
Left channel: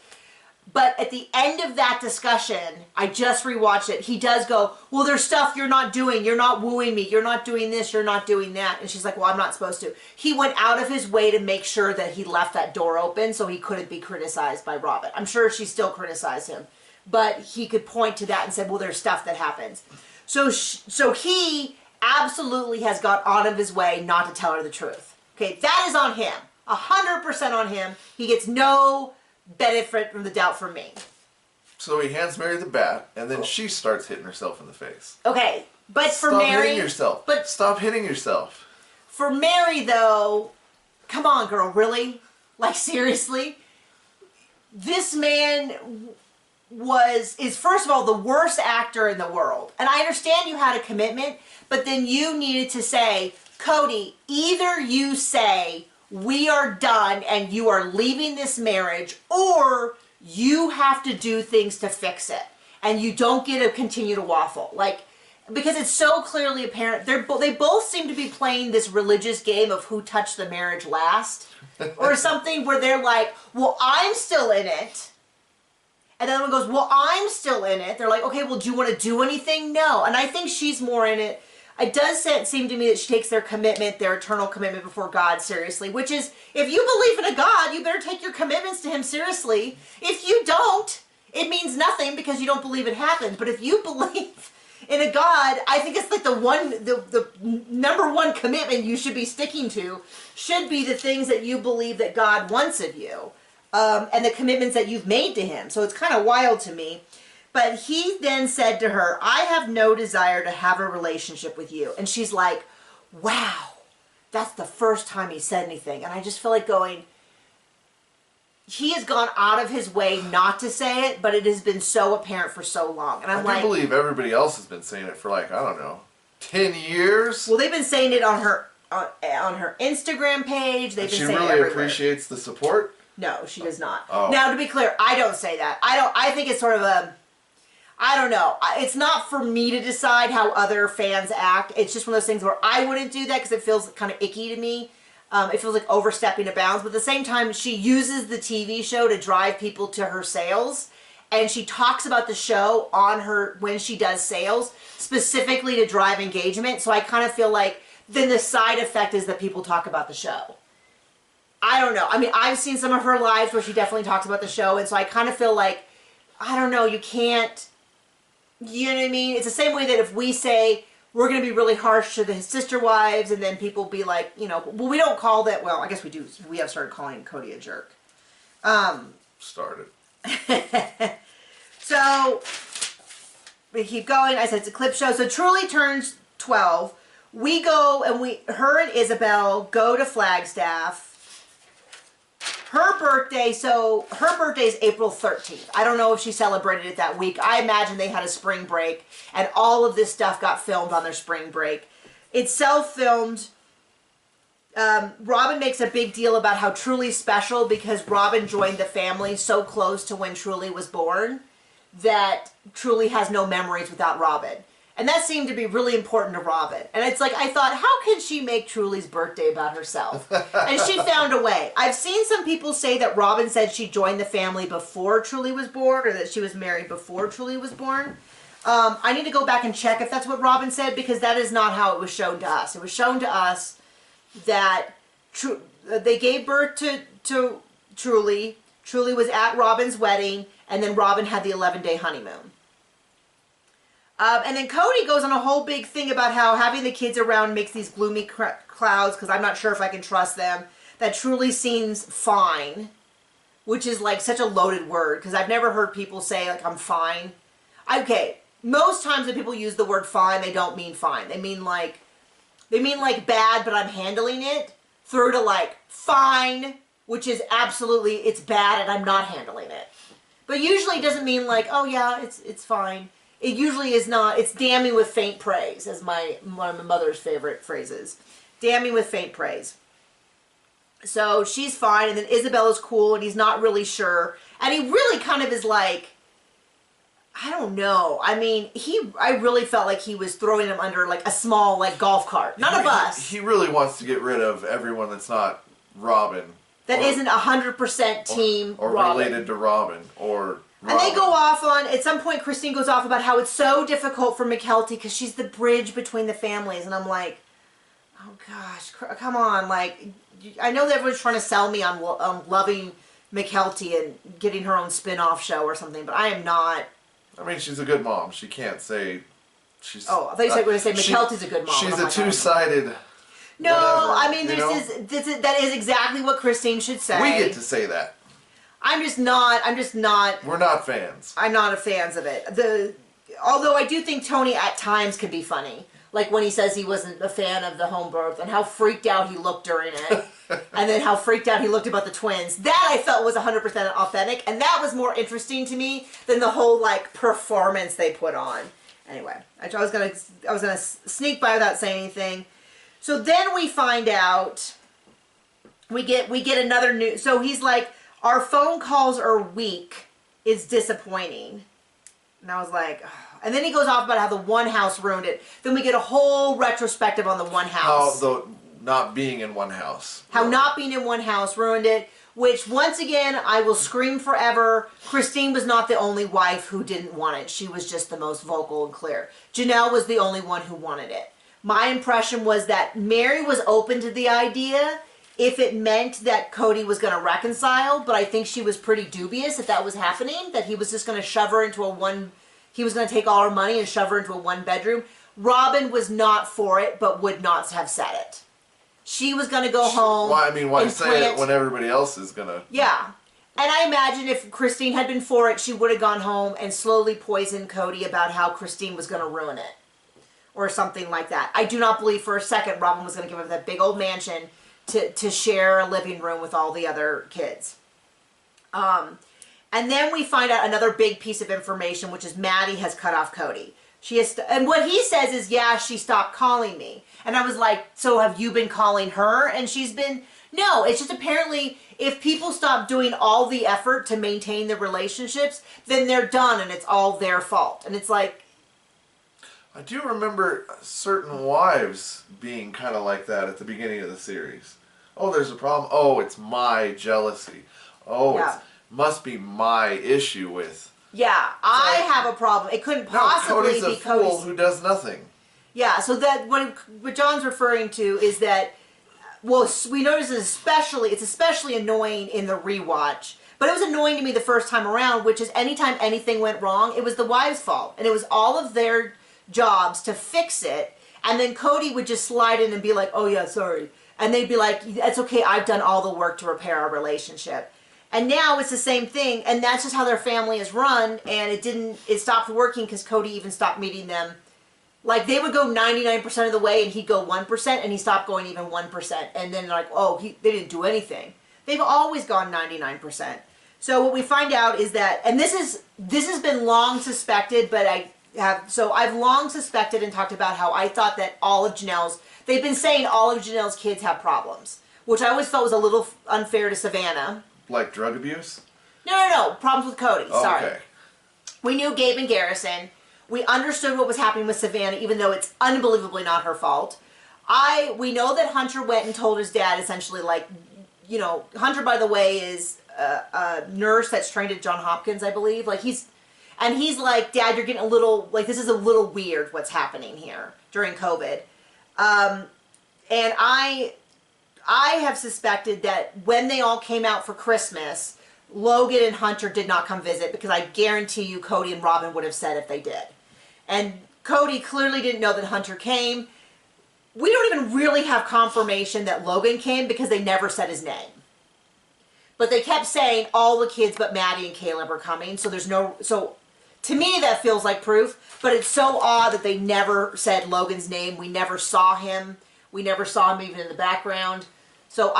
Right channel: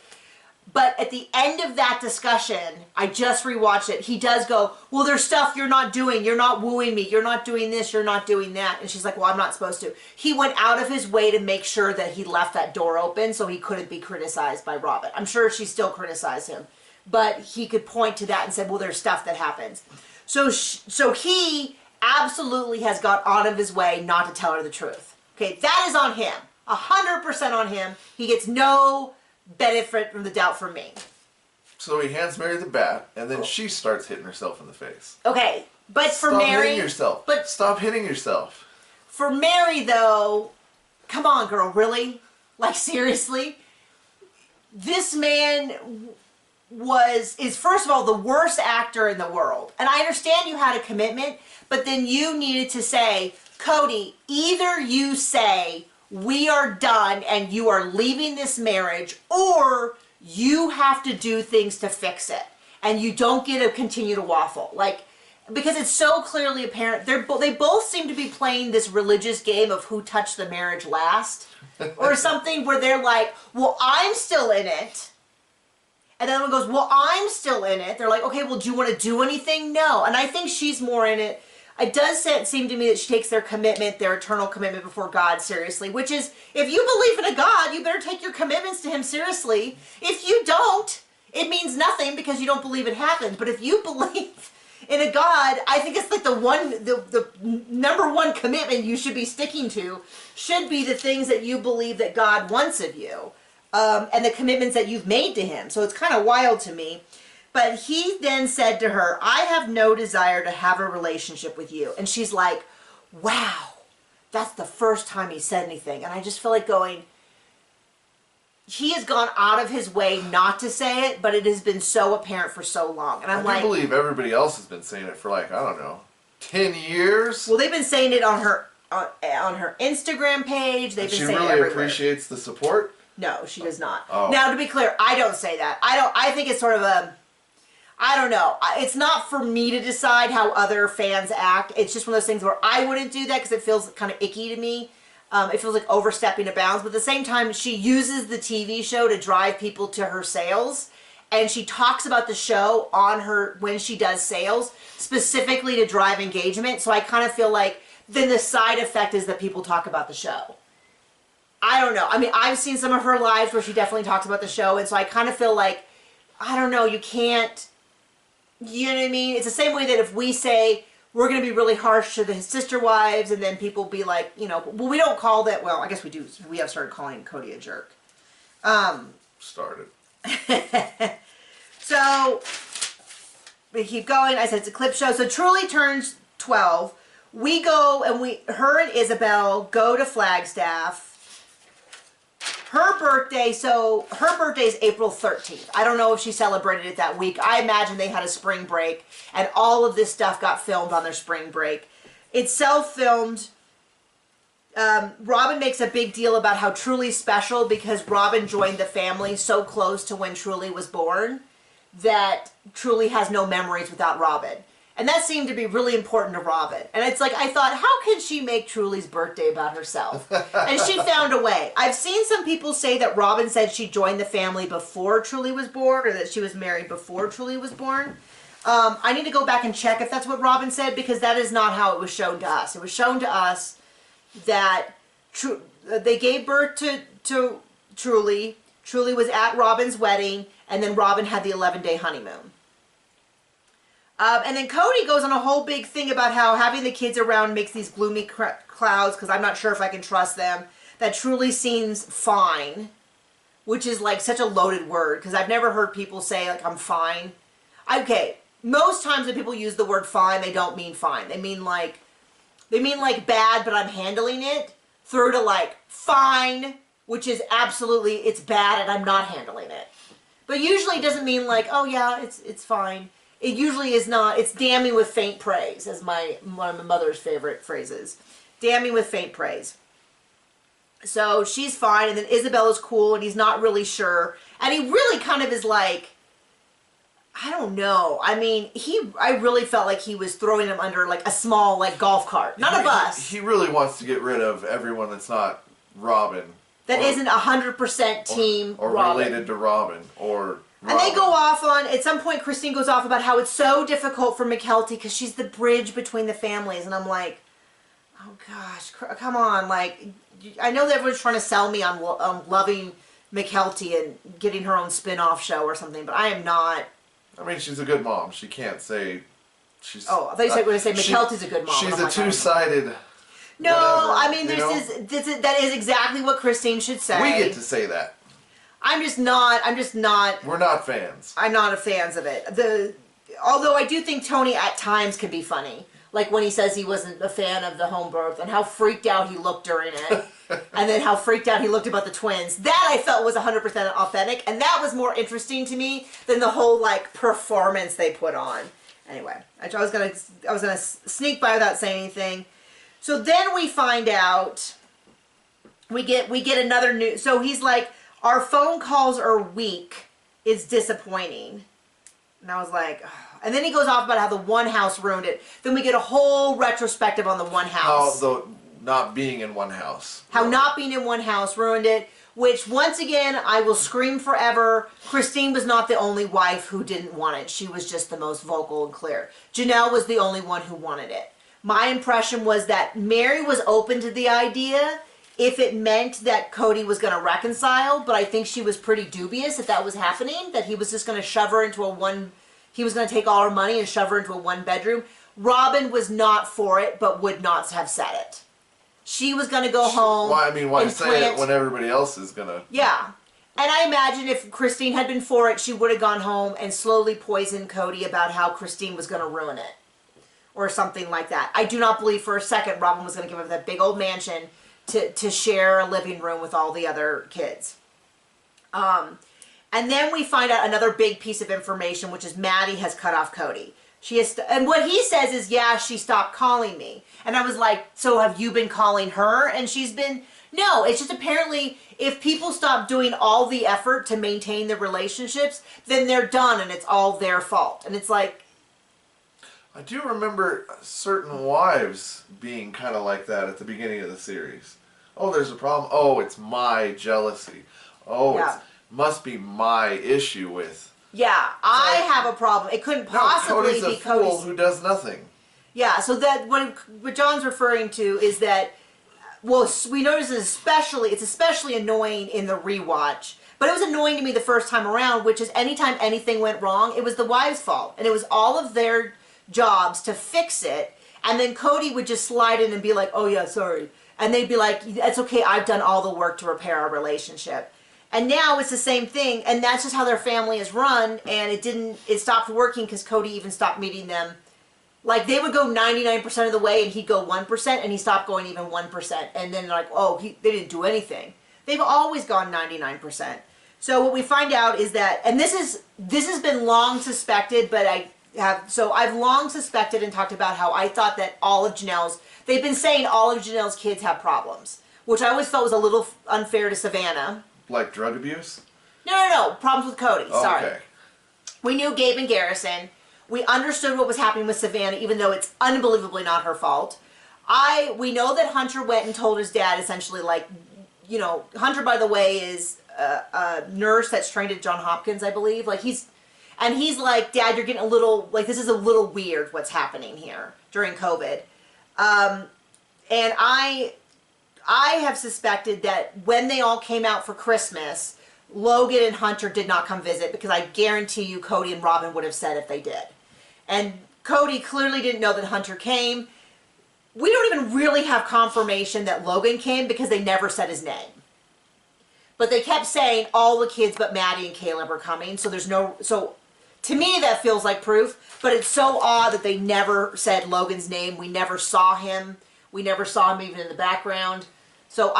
But at the end of that discussion, I just rewatched it. He does go, well, there's stuff you're not doing. You're not wooing me. You're not doing this. You're not doing that. And she's like, well, I'm not supposed to. He went out of his way to make sure that he left that door open so he couldn't be criticized by Robin. I'm sure she still criticized him. But he could point to that and say, well, there's stuff that happens. So he absolutely has got out of his way not to tell her the truth. Okay, that is on him. 100% on him. He gets no benefit from the doubt from me. So he hands Mary the bat, and then she starts hitting herself in the face. Okay, but for Stop Mary... Stop hitting yourself. But stop hitting yourself. For Mary, though, come on, girl, really? Like, seriously? This man is first of all the worst actor in the world. And I understand you had a commitment, but then you needed to say, Cody, either you say we are done and you are leaving this marriage, or you have to do things to fix it. And you don't get to continue to waffle. Like, because it's so clearly apparent, they both seem to be playing this religious game of who touched the marriage last. Or something where they're like, well, I'm still in it. And then one goes, well, I'm still in it. They're like, okay, well, do you want to do anything? No. And I think she's more in it. It does seem to me that she takes their commitment, their eternal commitment before God seriously, which is, if you believe in a God, you better take your commitments to him seriously. If you don't, it means nothing because you don't believe it happens. But if you believe in a God, I think it's like the number one commitment you should be sticking to should be the things that you believe that God wants of you. And the commitments that you've made to him. So it's kind of wild to me. But he then said to her, I have no desire to have a relationship with you. And she's like, wow, that's the first time he said anything. And I just feel like going, he has gone out of his way not to say it, but it has been so apparent for so long. And I'm like, I do believe everybody else has been saying it for like, I don't know, 10 years? Well, they've been saying it on her Instagram page. They've been saying it everywhere. She really appreciates the support? No, she does not. Oh. Now, to be clear, I don't say that. I think it's sort of I don't know. It's not for me to decide how other fans act. It's just one of those things where I wouldn't do that because it feels kind of icky to me. It feels like overstepping the bounds. But at the same time, she uses the TV show to drive people to her sales. And she talks about the show on her when she does sales, specifically to drive engagement. So I kind of feel like then the side effect is that people talk about the show. I don't know. I mean, I've seen some of her lives where she definitely talks about the show. And so I kind of feel like, I don't know, you can't, you know what I mean? It's the same way that if we say we're going to be really harsh to the sister wives and then people be like, you know, well, we don't call that, well, I guess we do. We have started calling Cody a jerk. Started. So, we keep going. I said it's a clip show. So Truly turns 12. We go and her and Isabel go to Flagstaff. Her birthday is April 13th. I don't know if she celebrated it that week. I imagine they had a spring break and all of this stuff got filmed on their spring break. It's self-filmed. Robin makes a big deal about how Truly's special because Robin joined the family so close to when Truly was born that Truly has no memories without Robin. And that seemed to be really important to Robin. And it's like, I thought, how can she make Truly's birthday about herself? And she found a way. I've seen some people say that Robin said she joined the family before Truly was born or that she was married before Truly was born. I need to go back and check if that's what Robin said because that is not how it was shown to us. It was shown to us that they gave birth to Truly. Truly was at Robin's wedding, and then Robin had the 11-day honeymoon. And then Cody goes on a whole big thing about how having the kids around makes these gloomy clouds because I'm not sure if I can trust them. That Truly seems fine, which is like such a loaded word because I've never heard people say like I'm fine. Okay, most times when people use the word fine, they don't mean fine. They mean like bad, but I'm handling it, through to like fine, which is absolutely, it's bad and I'm not handling it. But usually it doesn't mean like, oh yeah, it's fine. It usually is not. It's damning with faint praise, as one of my mother's favorite phrases. Damning with faint praise. So she's fine, and then Isabella's cool, and he's not really sure. And he really kind of is like, I don't know. I mean, I really felt like he was throwing him under like a small like golf cart, not a bus. He really wants to get rid of everyone that's not Robin. That isn't 100% team or Robin. Related to Robin or Robin. And they go off on, at some point Christine goes off about how it's so difficult for Mykelti because she's the bridge between the families. And I'm like, oh gosh, come on. Like, I know that everyone's trying to sell me on loving Mykelti and getting her own spin-off show or something, but I am not. I mean, she's a good mom. She can't say she's... Oh, I thought you said going to say Mykelti's a good mom. She's a two-sided... No, whatever, I mean, that is exactly what Christine should say. We get to say that. I'm just not. We're not fans. I'm not a fans of it. Although I do think Tony at times can be funny. Like when he says he wasn't a fan of the home birth and how freaked out he looked during it. And then how freaked out he looked about the twins. That I felt was 100% authentic. And that was more interesting to me than the whole like performance they put on. Anyway, I was gonna sneak by without saying anything. So then we find out, we get another news. So he's like, our phone calls are weak is disappointing. And I was like, oh. And then he goes off about how the one house ruined it. Then we get a whole retrospective on the one house. How not being in one house. How not being in one house ruined it. Which, once again, I will scream forever. Christine was not the only wife who didn't want it. She was just the most vocal and clear. Janelle was the only one who wanted it. My impression was that Mary was open to the idea if it meant that Cody was going to reconcile, but I think she was pretty dubious that was happening, that he was just going to shove her into he was going to take all her money and shove her into a one-bedroom. Robin was not for it, but would not have said it. She was going to go home. Well, I mean, why say it when everybody else is going to... Yeah. And I imagine if Christine had been for it, she would have gone home and slowly poisoned Cody about how Christine was going to ruin it. Or something like that. I do not believe for a second Robin was going to give up that big old mansion to share a living room with all the other kids. And then we find out another big piece of information, which is Maddie has cut off Cody. She has, and what he says is, yeah, she stopped calling me. And I was like, so have you been calling her? And she's been, no, it's just apparently if people stop doing all the effort to maintain the relationships, then they're done and it's all their fault. And it's like, I do remember certain wives being kind of like that at the beginning of the series. Oh, there's a problem. Oh, it's my jealousy. Oh, yeah. It must be my issue with. Yeah, I have a problem. It couldn't possibly be Cody's a fool who does nothing. Yeah, so that what John's referring to is that, well, we notice it's especially annoying in the rewatch. But it was annoying to me the first time around, which is anytime anything went wrong, it was the wives' fault. And it was all of their jobs to fix it. And then Cody would just slide in and be like, oh yeah, sorry. And they'd be like, that's okay, I've done all the work to repair our relationship. And now it's the same thing, and that's just how their family is run, and it stopped working because Cody even stopped meeting them. Like, they would go 99% of the way, and he'd go 1%, and he stopped going even 1%. And then like, oh, they didn't do anything. They've always gone 99%. So what we find out is that, and this has been long suspected, but I've long suspected and talked about how I thought that they've been saying all of Janelle's kids have problems, which I always felt was a little unfair to Savannah. Like drug abuse? No. Problems with Cody. Oh, sorry. okay. We knew Gabe and Garrison. We understood what was happening with Savannah, even though it's unbelievably not her fault. We know that Hunter went and told his dad essentially, like, you know, Hunter, by the way, is a nurse that's trained at Johns Hopkins, I believe. Like, he's like, Dad, you're getting a little, like, this is a little weird what's happening here during COVID. And I have suspected that when they all came out for Christmas, Logan and Hunter did not come visit because I guarantee you Cody and Robin would have said if they did. And Cody clearly didn't know that Hunter came. We don't even really have confirmation that Logan came because they never said his name. But they kept saying all the kids but Maddie and Caleb are coming, so to me that feels like proof, but it's so odd that they never said Logan's name. We never saw him. We never saw him even in the background. So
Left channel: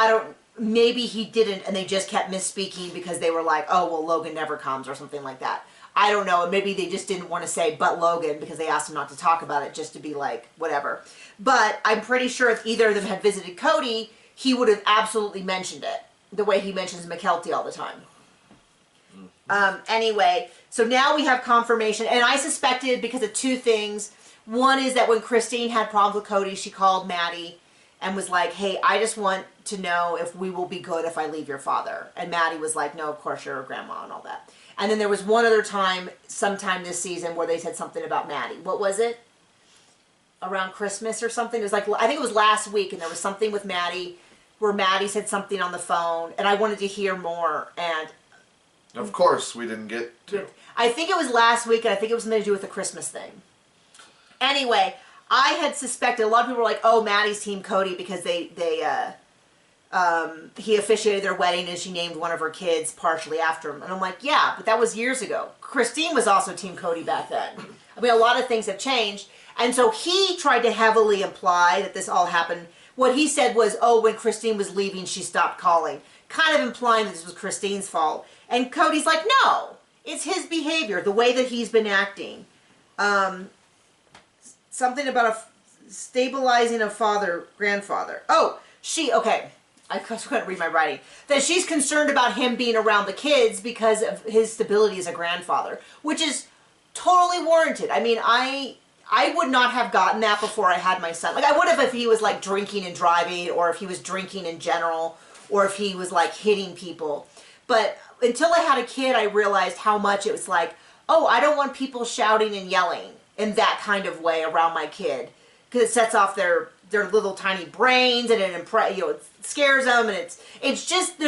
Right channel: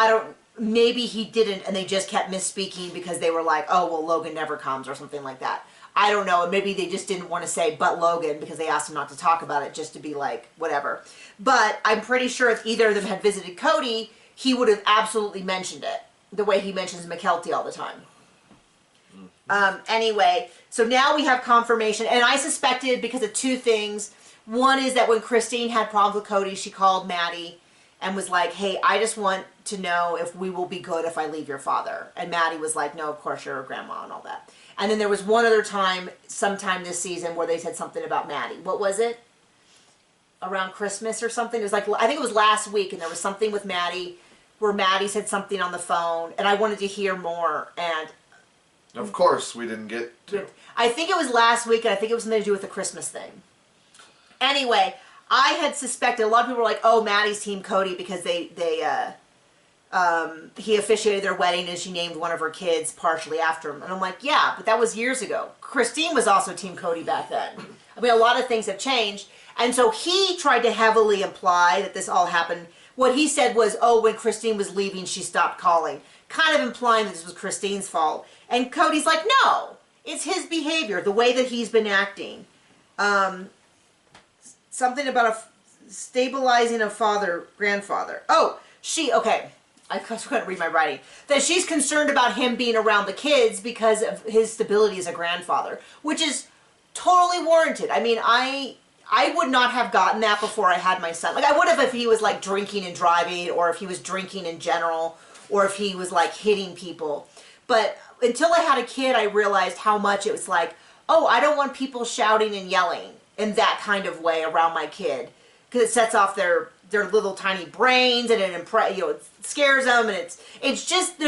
maybe he didn't and they just kept misspeaking because they were like, oh, well, Logan never comes or something like that. I don't know. Maybe they just didn't want to say but Logan because they asked him not to talk about it just to be like, whatever. But I'm pretty sure if either of them had visited Cody, he would have absolutely mentioned it the way he mentions McKelty all the time. Anyway, so now we have confirmation, and I suspected because of two things. One is that when Christine had problems with Cody, she called Maddie and was like, hey, I just want to know if we will be good if I leave your father. And Maddie was like, no, of course you're a grandma and all that. And then there was one other time, sometime this season, where they said something about Maddie. What was it? Around Christmas or something? It was like, I think it was last week, and there was something with Maddie where Maddie said something on the phone, and I wanted to hear more, and of course we didn't get to. I think it was last week, and I think it was something to do with the Christmas thing. Anyway, I had suspected, a lot of people were like, oh, Maddie's team Cody because he officiated their wedding and she named one of her kids partially after him. And I'm like, yeah, but that was years ago. Christine was also team Cody back then. I mean, a lot of things have changed. And so he tried to heavily imply that this all happened. What he said was, oh, when Christine was leaving, she stopped calling. Kind of implying that this was Christine's fault. And Cody's like, no, it's his behavior, the way that he's been acting. Something about stabilizing a grandfather. Oh, okay. I couldn't read my writing. That she's concerned about him being around the kids because of his stability as a grandfather, which is totally warranted. I mean, I would not have gotten that before I had my son. Like, I would have if he was, like, drinking and driving, or if he was drinking in general, or if he was, like, hitting people. But until I had a kid, I realized how much it was like, oh, I don't want people shouting and yelling in that kind of way around my kid, because it sets off their little tiny brains, and it scares them, and it's just,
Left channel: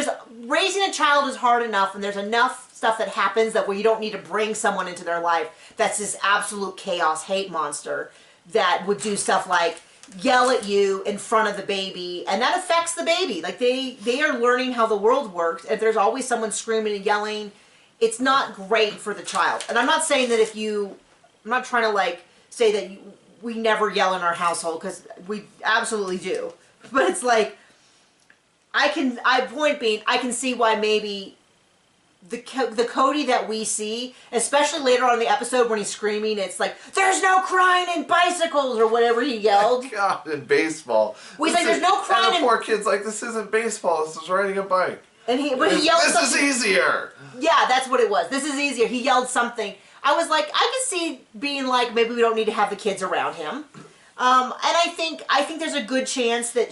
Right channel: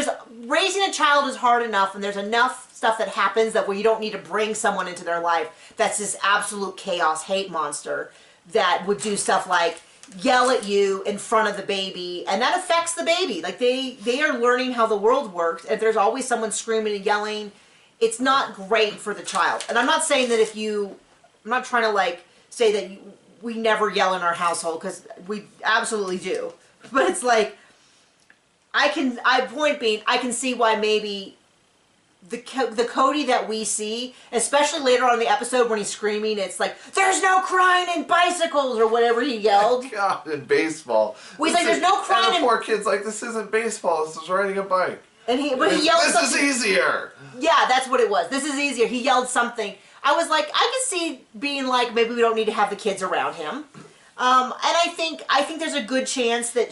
raising a child is hard enough, and there's enough stuff that happens that where you don't need to bring someone into their life that's this absolute chaos hate monster that would do stuff like, yell at you in front of the baby, and that affects the baby. Like they are learning how the world works. If there's always someone screaming and yelling, it's not great for the child. And I'm not saying that I'm not trying to like say that we never yell in our household, because we absolutely do. But it's like, point being, I can see why maybe the Cody that we see, especially later on in the episode when he's screaming, it's like, there's no crying in bicycles, or whatever he yelled. God, in baseball. He's like, there's no crying. And the poor kid's like, this isn't baseball, this is riding a bike. And he yelled this something. Is easier. Yeah, that's what it was. This is easier. He yelled something. I was like, I could see being like, maybe we don't need to have the kids around him. And I think there's a good chance that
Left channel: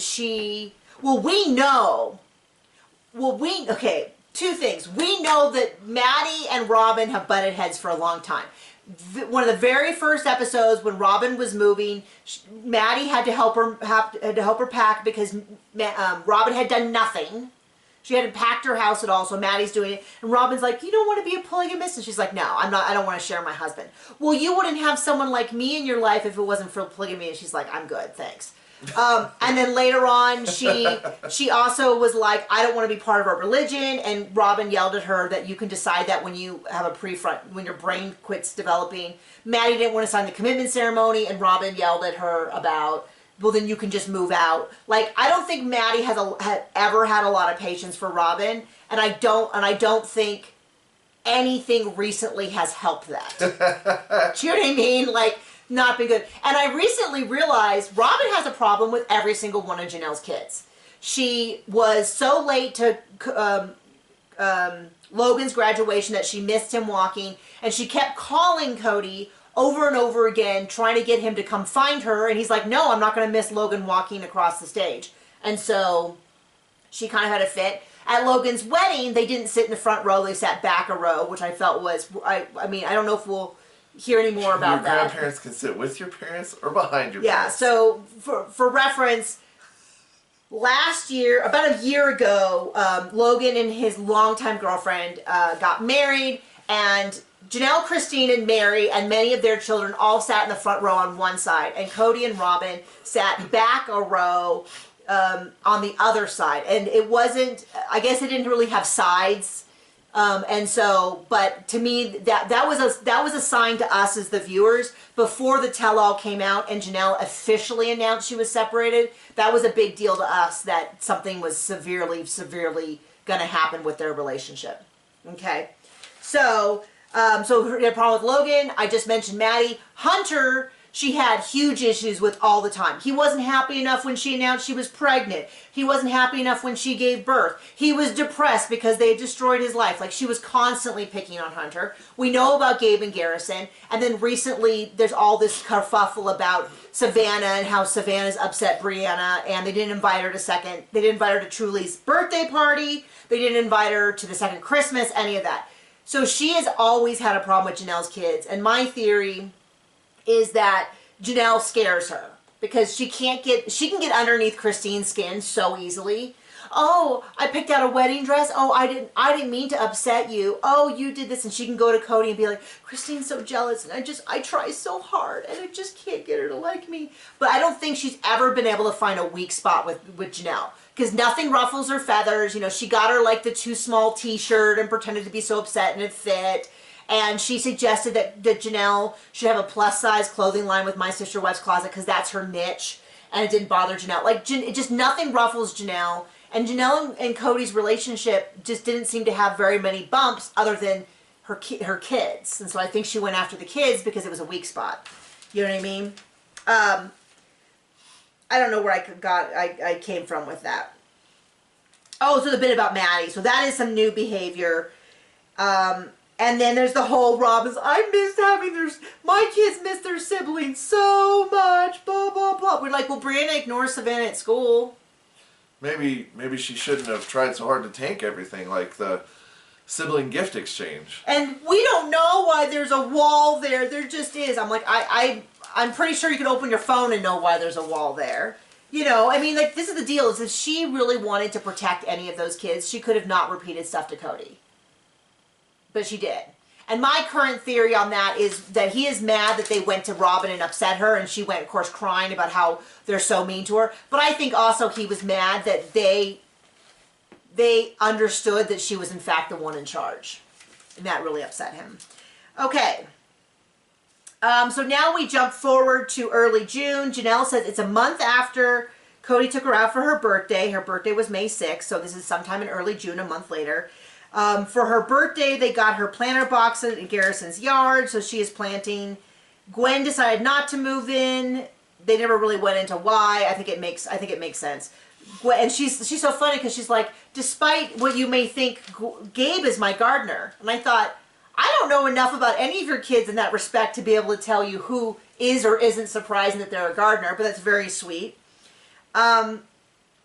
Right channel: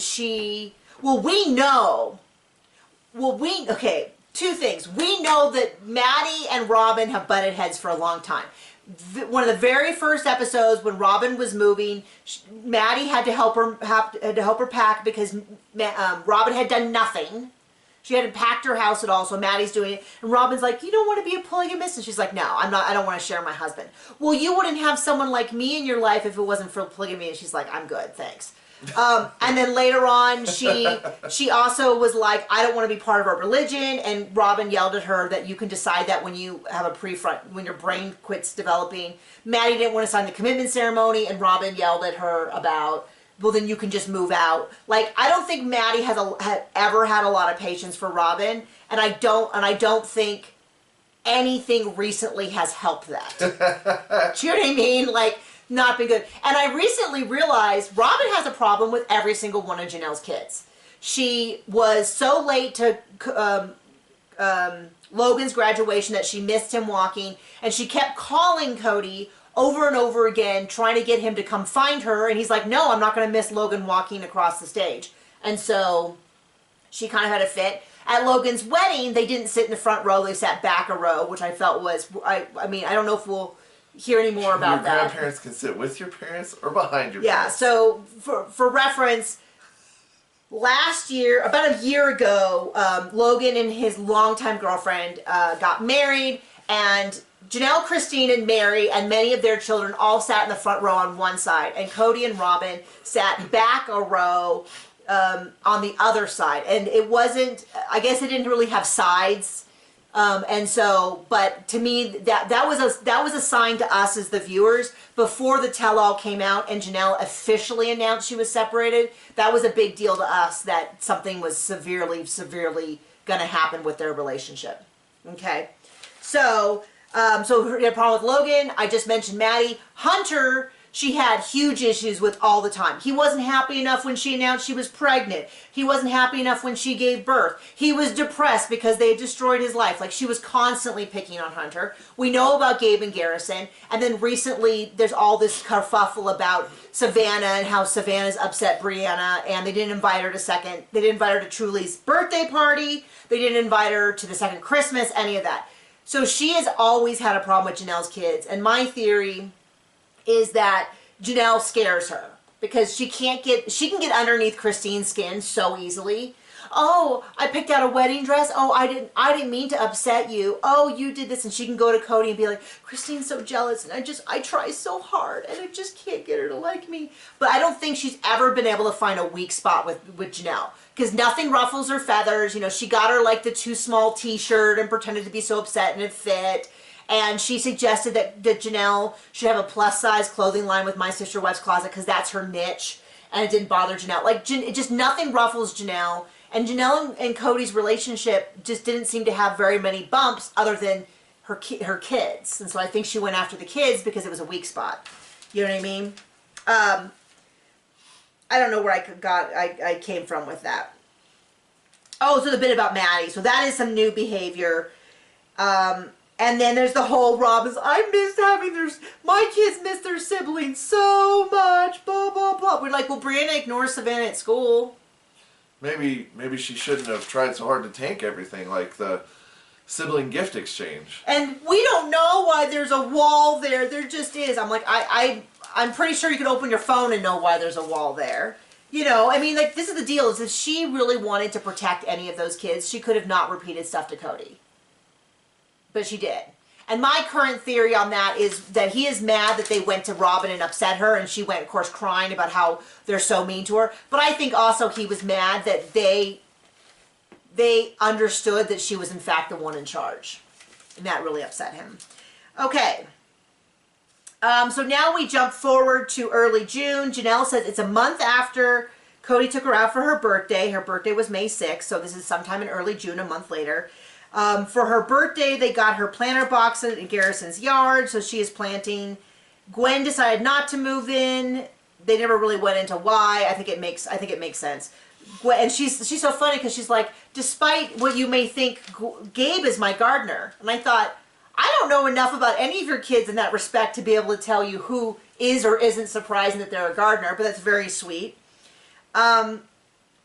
okay, two things. We know that Maddie and Robin have butted heads for a long time. One of the very first episodes when Robin was moving, Maddie had to help her pack because Robin had done nothing. She hadn't packed her house at all, so Maddie's doing it. And Robin's like, you don't want to be a polygamist? And she's like, no, I'm not. I don't want to share my husband. Well, you wouldn't have someone like me in your life if it wasn't for polygamy. And she's like, I'm good, thanks. And then later on, she also was like, I don't want to be part of our religion. And Robin yelled at her that you can decide that when you have a prefront, when your brain quits developing. Maddie didn't want to sign the commitment ceremony, and Robin yelled at her about, well, then you can just move out. Like, I don't think Maddie had ever had a lot of patience for Robin, and I don't think anything recently has helped that. Do you know what I mean? Like, not been good. And I recently realized Robin has a problem with every single one of Janelle's kids. She was so late to Logan's graduation that she missed him walking, and she kept calling Cody over and over again, trying to get him to come find her. And he's like, no, I'm not going to miss Logan walking across the stage. And so she kind of had a fit. At Logan's wedding, they didn't sit in the front row. They sat back a row, which I felt was, I mean, I don't know if we'll hear any more about that. Your grandparents can sit with your parents or behind your parents. Yeah, so for reference, last year, about a year ago, Logan and his longtime girlfriend got married, and Janelle, Christine, and Mary, and many of their children all sat in the front row on one side, and Cody and Robin sat back a row on the other side. And it wasn't, I guess it didn't really have sides. And so, but to me, that was a sign to us as the viewers before the tell-all came out and Janelle officially announced she was separated. That was a big deal to us that something was severely going to happen with their relationship. Okay, so her problem with Logan, I just mentioned Maddie. Hunter, she had huge issues with all the time. He wasn't happy enough when she announced she was pregnant. He wasn't happy enough when she gave birth. He was depressed because they had destroyed his life. Like, she was constantly picking on Hunter. We know about Gabe and Garrison. And then recently, there's all this kerfuffle about Savannah and how Savannah's upset Brianna, and they didn't invite her to Truly's birthday party. They didn't invite her to the second Christmas, any of that. So she has always had a problem with Janelle's kids. And my theory is that Janelle scares her because she can get underneath Christine's skin so easily. Oh, I picked out a wedding dress. Oh, I didn't mean to upset you. Oh, you did this. And she can go to Cody and be like, Christine's so jealous, and I try so hard and I just can't get her to like me. But I don't think she's ever been able to find a weak spot with Janelle, because nothing ruffles her feathers. You know, she got her like the too small t-shirt and pretended to be so upset, and it fit. And she suggested that Janelle should have a plus-size clothing line with My Sister Web's Closet because that's her niche, and it didn't bother Janelle. Like, it just nothing ruffles Janelle. And Janelle and Cody's relationship just didn't seem to have very many bumps other than her kids. And so I think she went after the kids because it was a weak spot. You know what I mean? I don't know where I came from with that. Oh, so the bit about Maddie. So that is some new behavior. And then there's the whole Robin's, my kids miss their siblings so much, blah, blah, blah. We're like, well, Brianna ignores Savannah at school. Maybe she shouldn't have tried so hard to tank everything, like the sibling gift exchange. And we don't know why there's a wall there. There just is. I'm like, I'm pretty sure you can open your phone and know why there's a wall there. You know, I mean, like, this is the deal, is if she really wanted to protect any of those kids, she could have not repeated stuff to Cody. But she did. And my current theory on that is that he is mad that they went to Robin and upset her, and she went, of course, crying about how they're so mean to her. But I think also he was mad that they understood that she was in fact the one in charge. And that really upset him. Okay. So now we jump forward to early June. Janelle says it's a month after Cody took her out for her birthday. Her birthday was May 6th, so this is sometime in early June, a month later. For her birthday, they got her planter boxes in Garrison's yard, so she is planting. Gwen decided not to move in. They never really went into why. I think it makes sense. Gwen, and she's so funny because she's like, despite what you may think, Gabe is my gardener. And I thought, I don't know enough about any of your kids in that respect to be able to tell you who is or isn't surprising that they're a gardener, but that's very sweet. And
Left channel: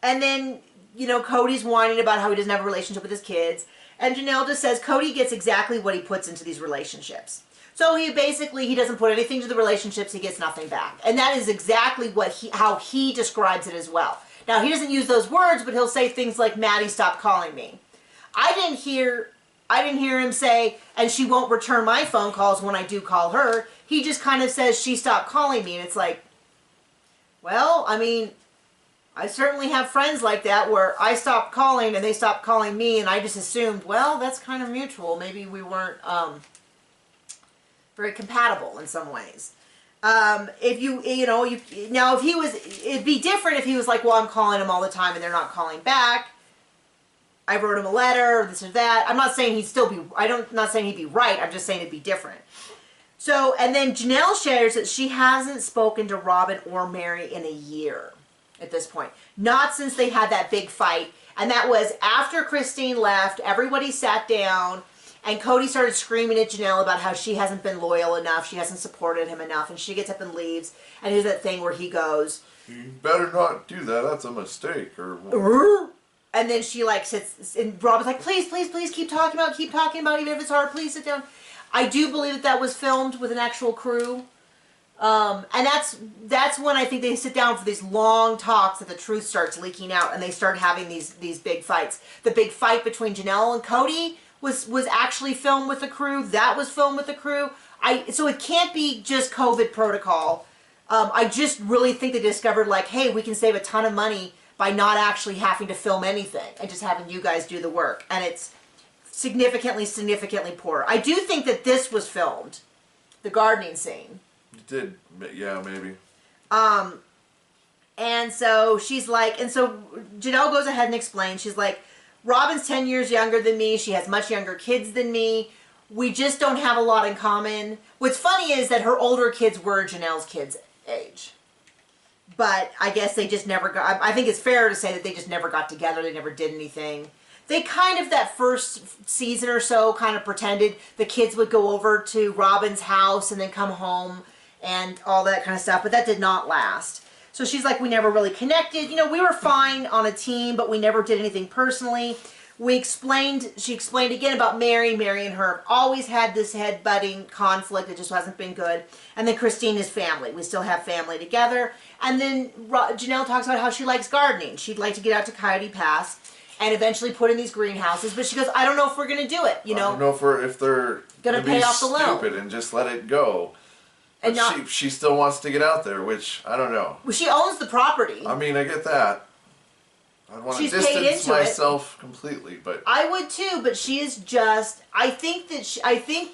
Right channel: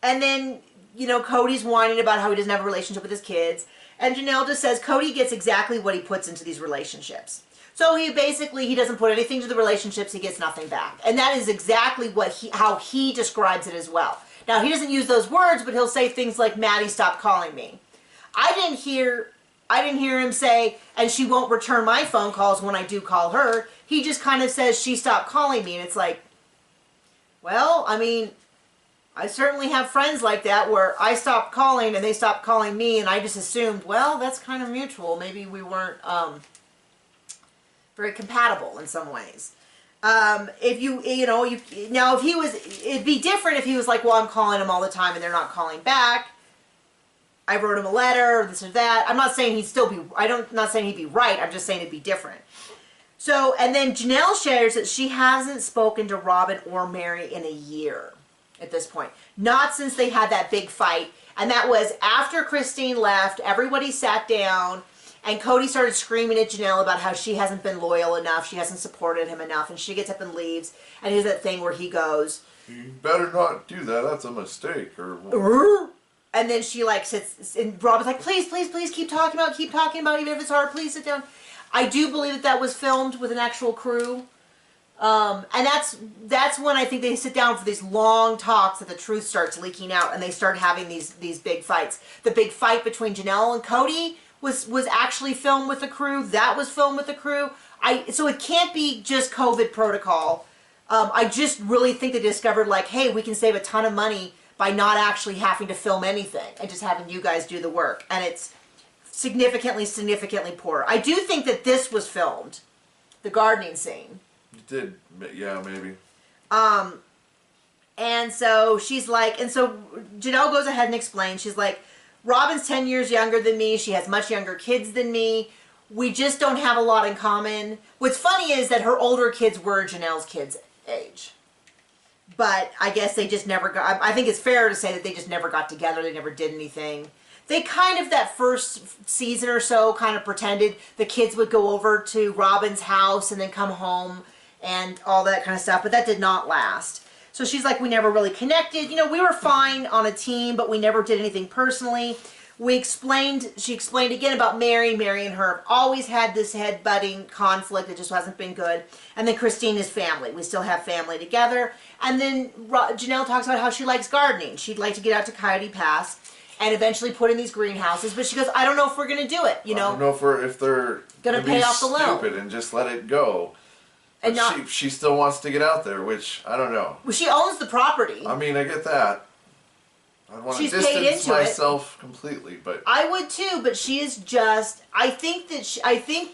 then, you know, Cody's whining about how he doesn't have a relationship with his kids. And Janelle just says Cody gets exactly what he puts into these relationships. So he doesn't put anything to the relationships, he gets nothing back. And that is exactly how he describes it as well. Now, he doesn't use those words, but he'll say things like, Maddie, stop calling me. I didn't hear him say, and she won't return my phone calls when I do call her. He just kind of says, she stopped calling me. And it's like, well, I mean, I certainly have friends like that where I stopped calling and they stopped calling me, and I just assumed, well, that's kind of mutual. Maybe we weren't very compatible in some ways. It'd be different if he was like, well, I'm calling them all the time and they're not calling back. I wrote him a letter, or this or that. I'm not saying not saying he'd be right. I'm just saying it'd be different. So, and then Janelle shares that she hasn't spoken to Robin or Mary in a year at this point. Not since they had that big fight. And that was after Christine left, everybody sat down, and Cody started screaming at Janelle about how she hasn't been loyal enough, she hasn't supported him enough, and she gets up and leaves, and there's that thing where he goes, you better not do that, that's a mistake, or... And then she like sits, and Robin's like, please, please, please keep talking about it, even if it's hard, please sit down. I do believe that was filmed with an actual crew. And that's when I think they sit down for these long talks that the truth starts leaking out, and they start having these big fights. The big fight between Janelle and Cody was actually filmed with the crew. That was filmed with the crew. So it can't be just COVID protocol. I just really think they discovered, like, hey, we can save a ton of money by not actually having to film anything and just having you guys do the work. And it's significantly poorer. I do think that this was filmed, the gardening scene. It did, yeah, maybe. And so she's like, and so Janelle goes ahead and explains, she's like, Robin's 10 years younger than me. She has much younger kids than me. We just don't have a lot in common. What's funny is that her older kids were Janelle's kids' age. But I guess they just never got, I think it's fair to say that they just never got together. They never did anything. They kind of, that first season or so, kind of pretended the kids would go over to Robin's house and then come home and all that kind of stuff. But that did not last. So she's like, we never really connected. You know, we were fine on a team, but we never did anything personally. She explained again about Mary. Mary and her have always had this head-butting conflict. It just hasn't been good. And then Christine is family. We still have family together. And then Janelle talks about how she likes gardening. She'd like to get out to Coyote Pass and eventually put in these greenhouses. But she goes, I don't know if we're going to do it. You know, I don't know if they're going to pay off the loan. Stupid and just let it go. But she still wants to get out there, which I don't know. Well, she owns the property. I mean, I get that. I want to distance myself completely, but I would too. But she is just. I think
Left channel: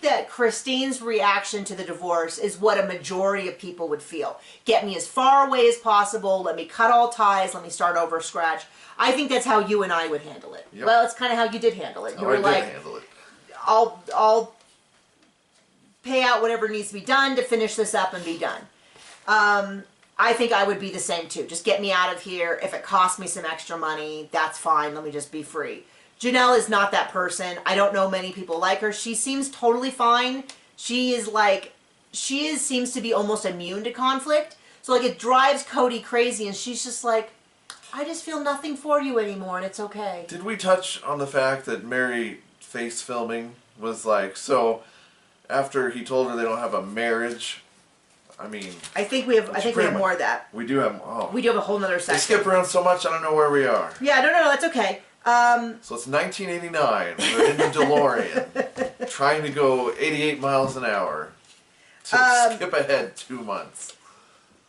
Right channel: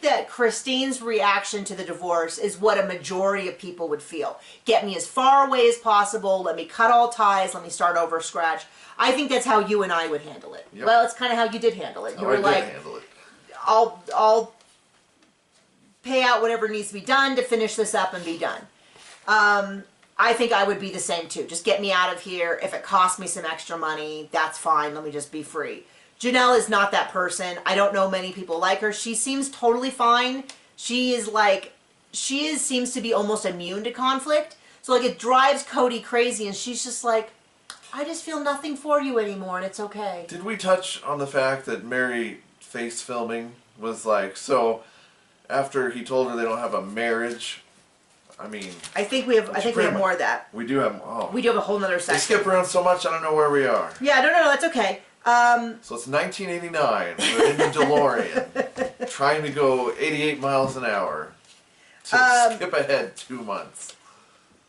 that Christine's reaction to the divorce is what a majority of people would feel. Get me as far away as possible. Let me cut all ties. Let me start over scratch. I think that's how you and I would handle it. Yep. Well, it's kind of how you did handle it. You were like, handle it. I'll pay out whatever needs to be done to finish this up and be done. I think I would be the same too. Just get me out of here. If it costs me some extra money, that's fine. Let me just be free. Janelle is not that person. I don't know many people like her. She seems totally fine. Seems to be almost immune to conflict. So like it drives Cody crazy, and she's just like, I just feel nothing for you anymore, and it's okay. Did we touch on the fact that Mary face filming was like, so after he told her they don't have a marriage, I mean, I think we have more of that. We do have. We do have a whole nother section. We skip around so much. I don't know where we are. Yeah, no, that's okay. So it's 1989. We're in the DeLorean. trying to go 88 miles an hour to skip ahead 2 months.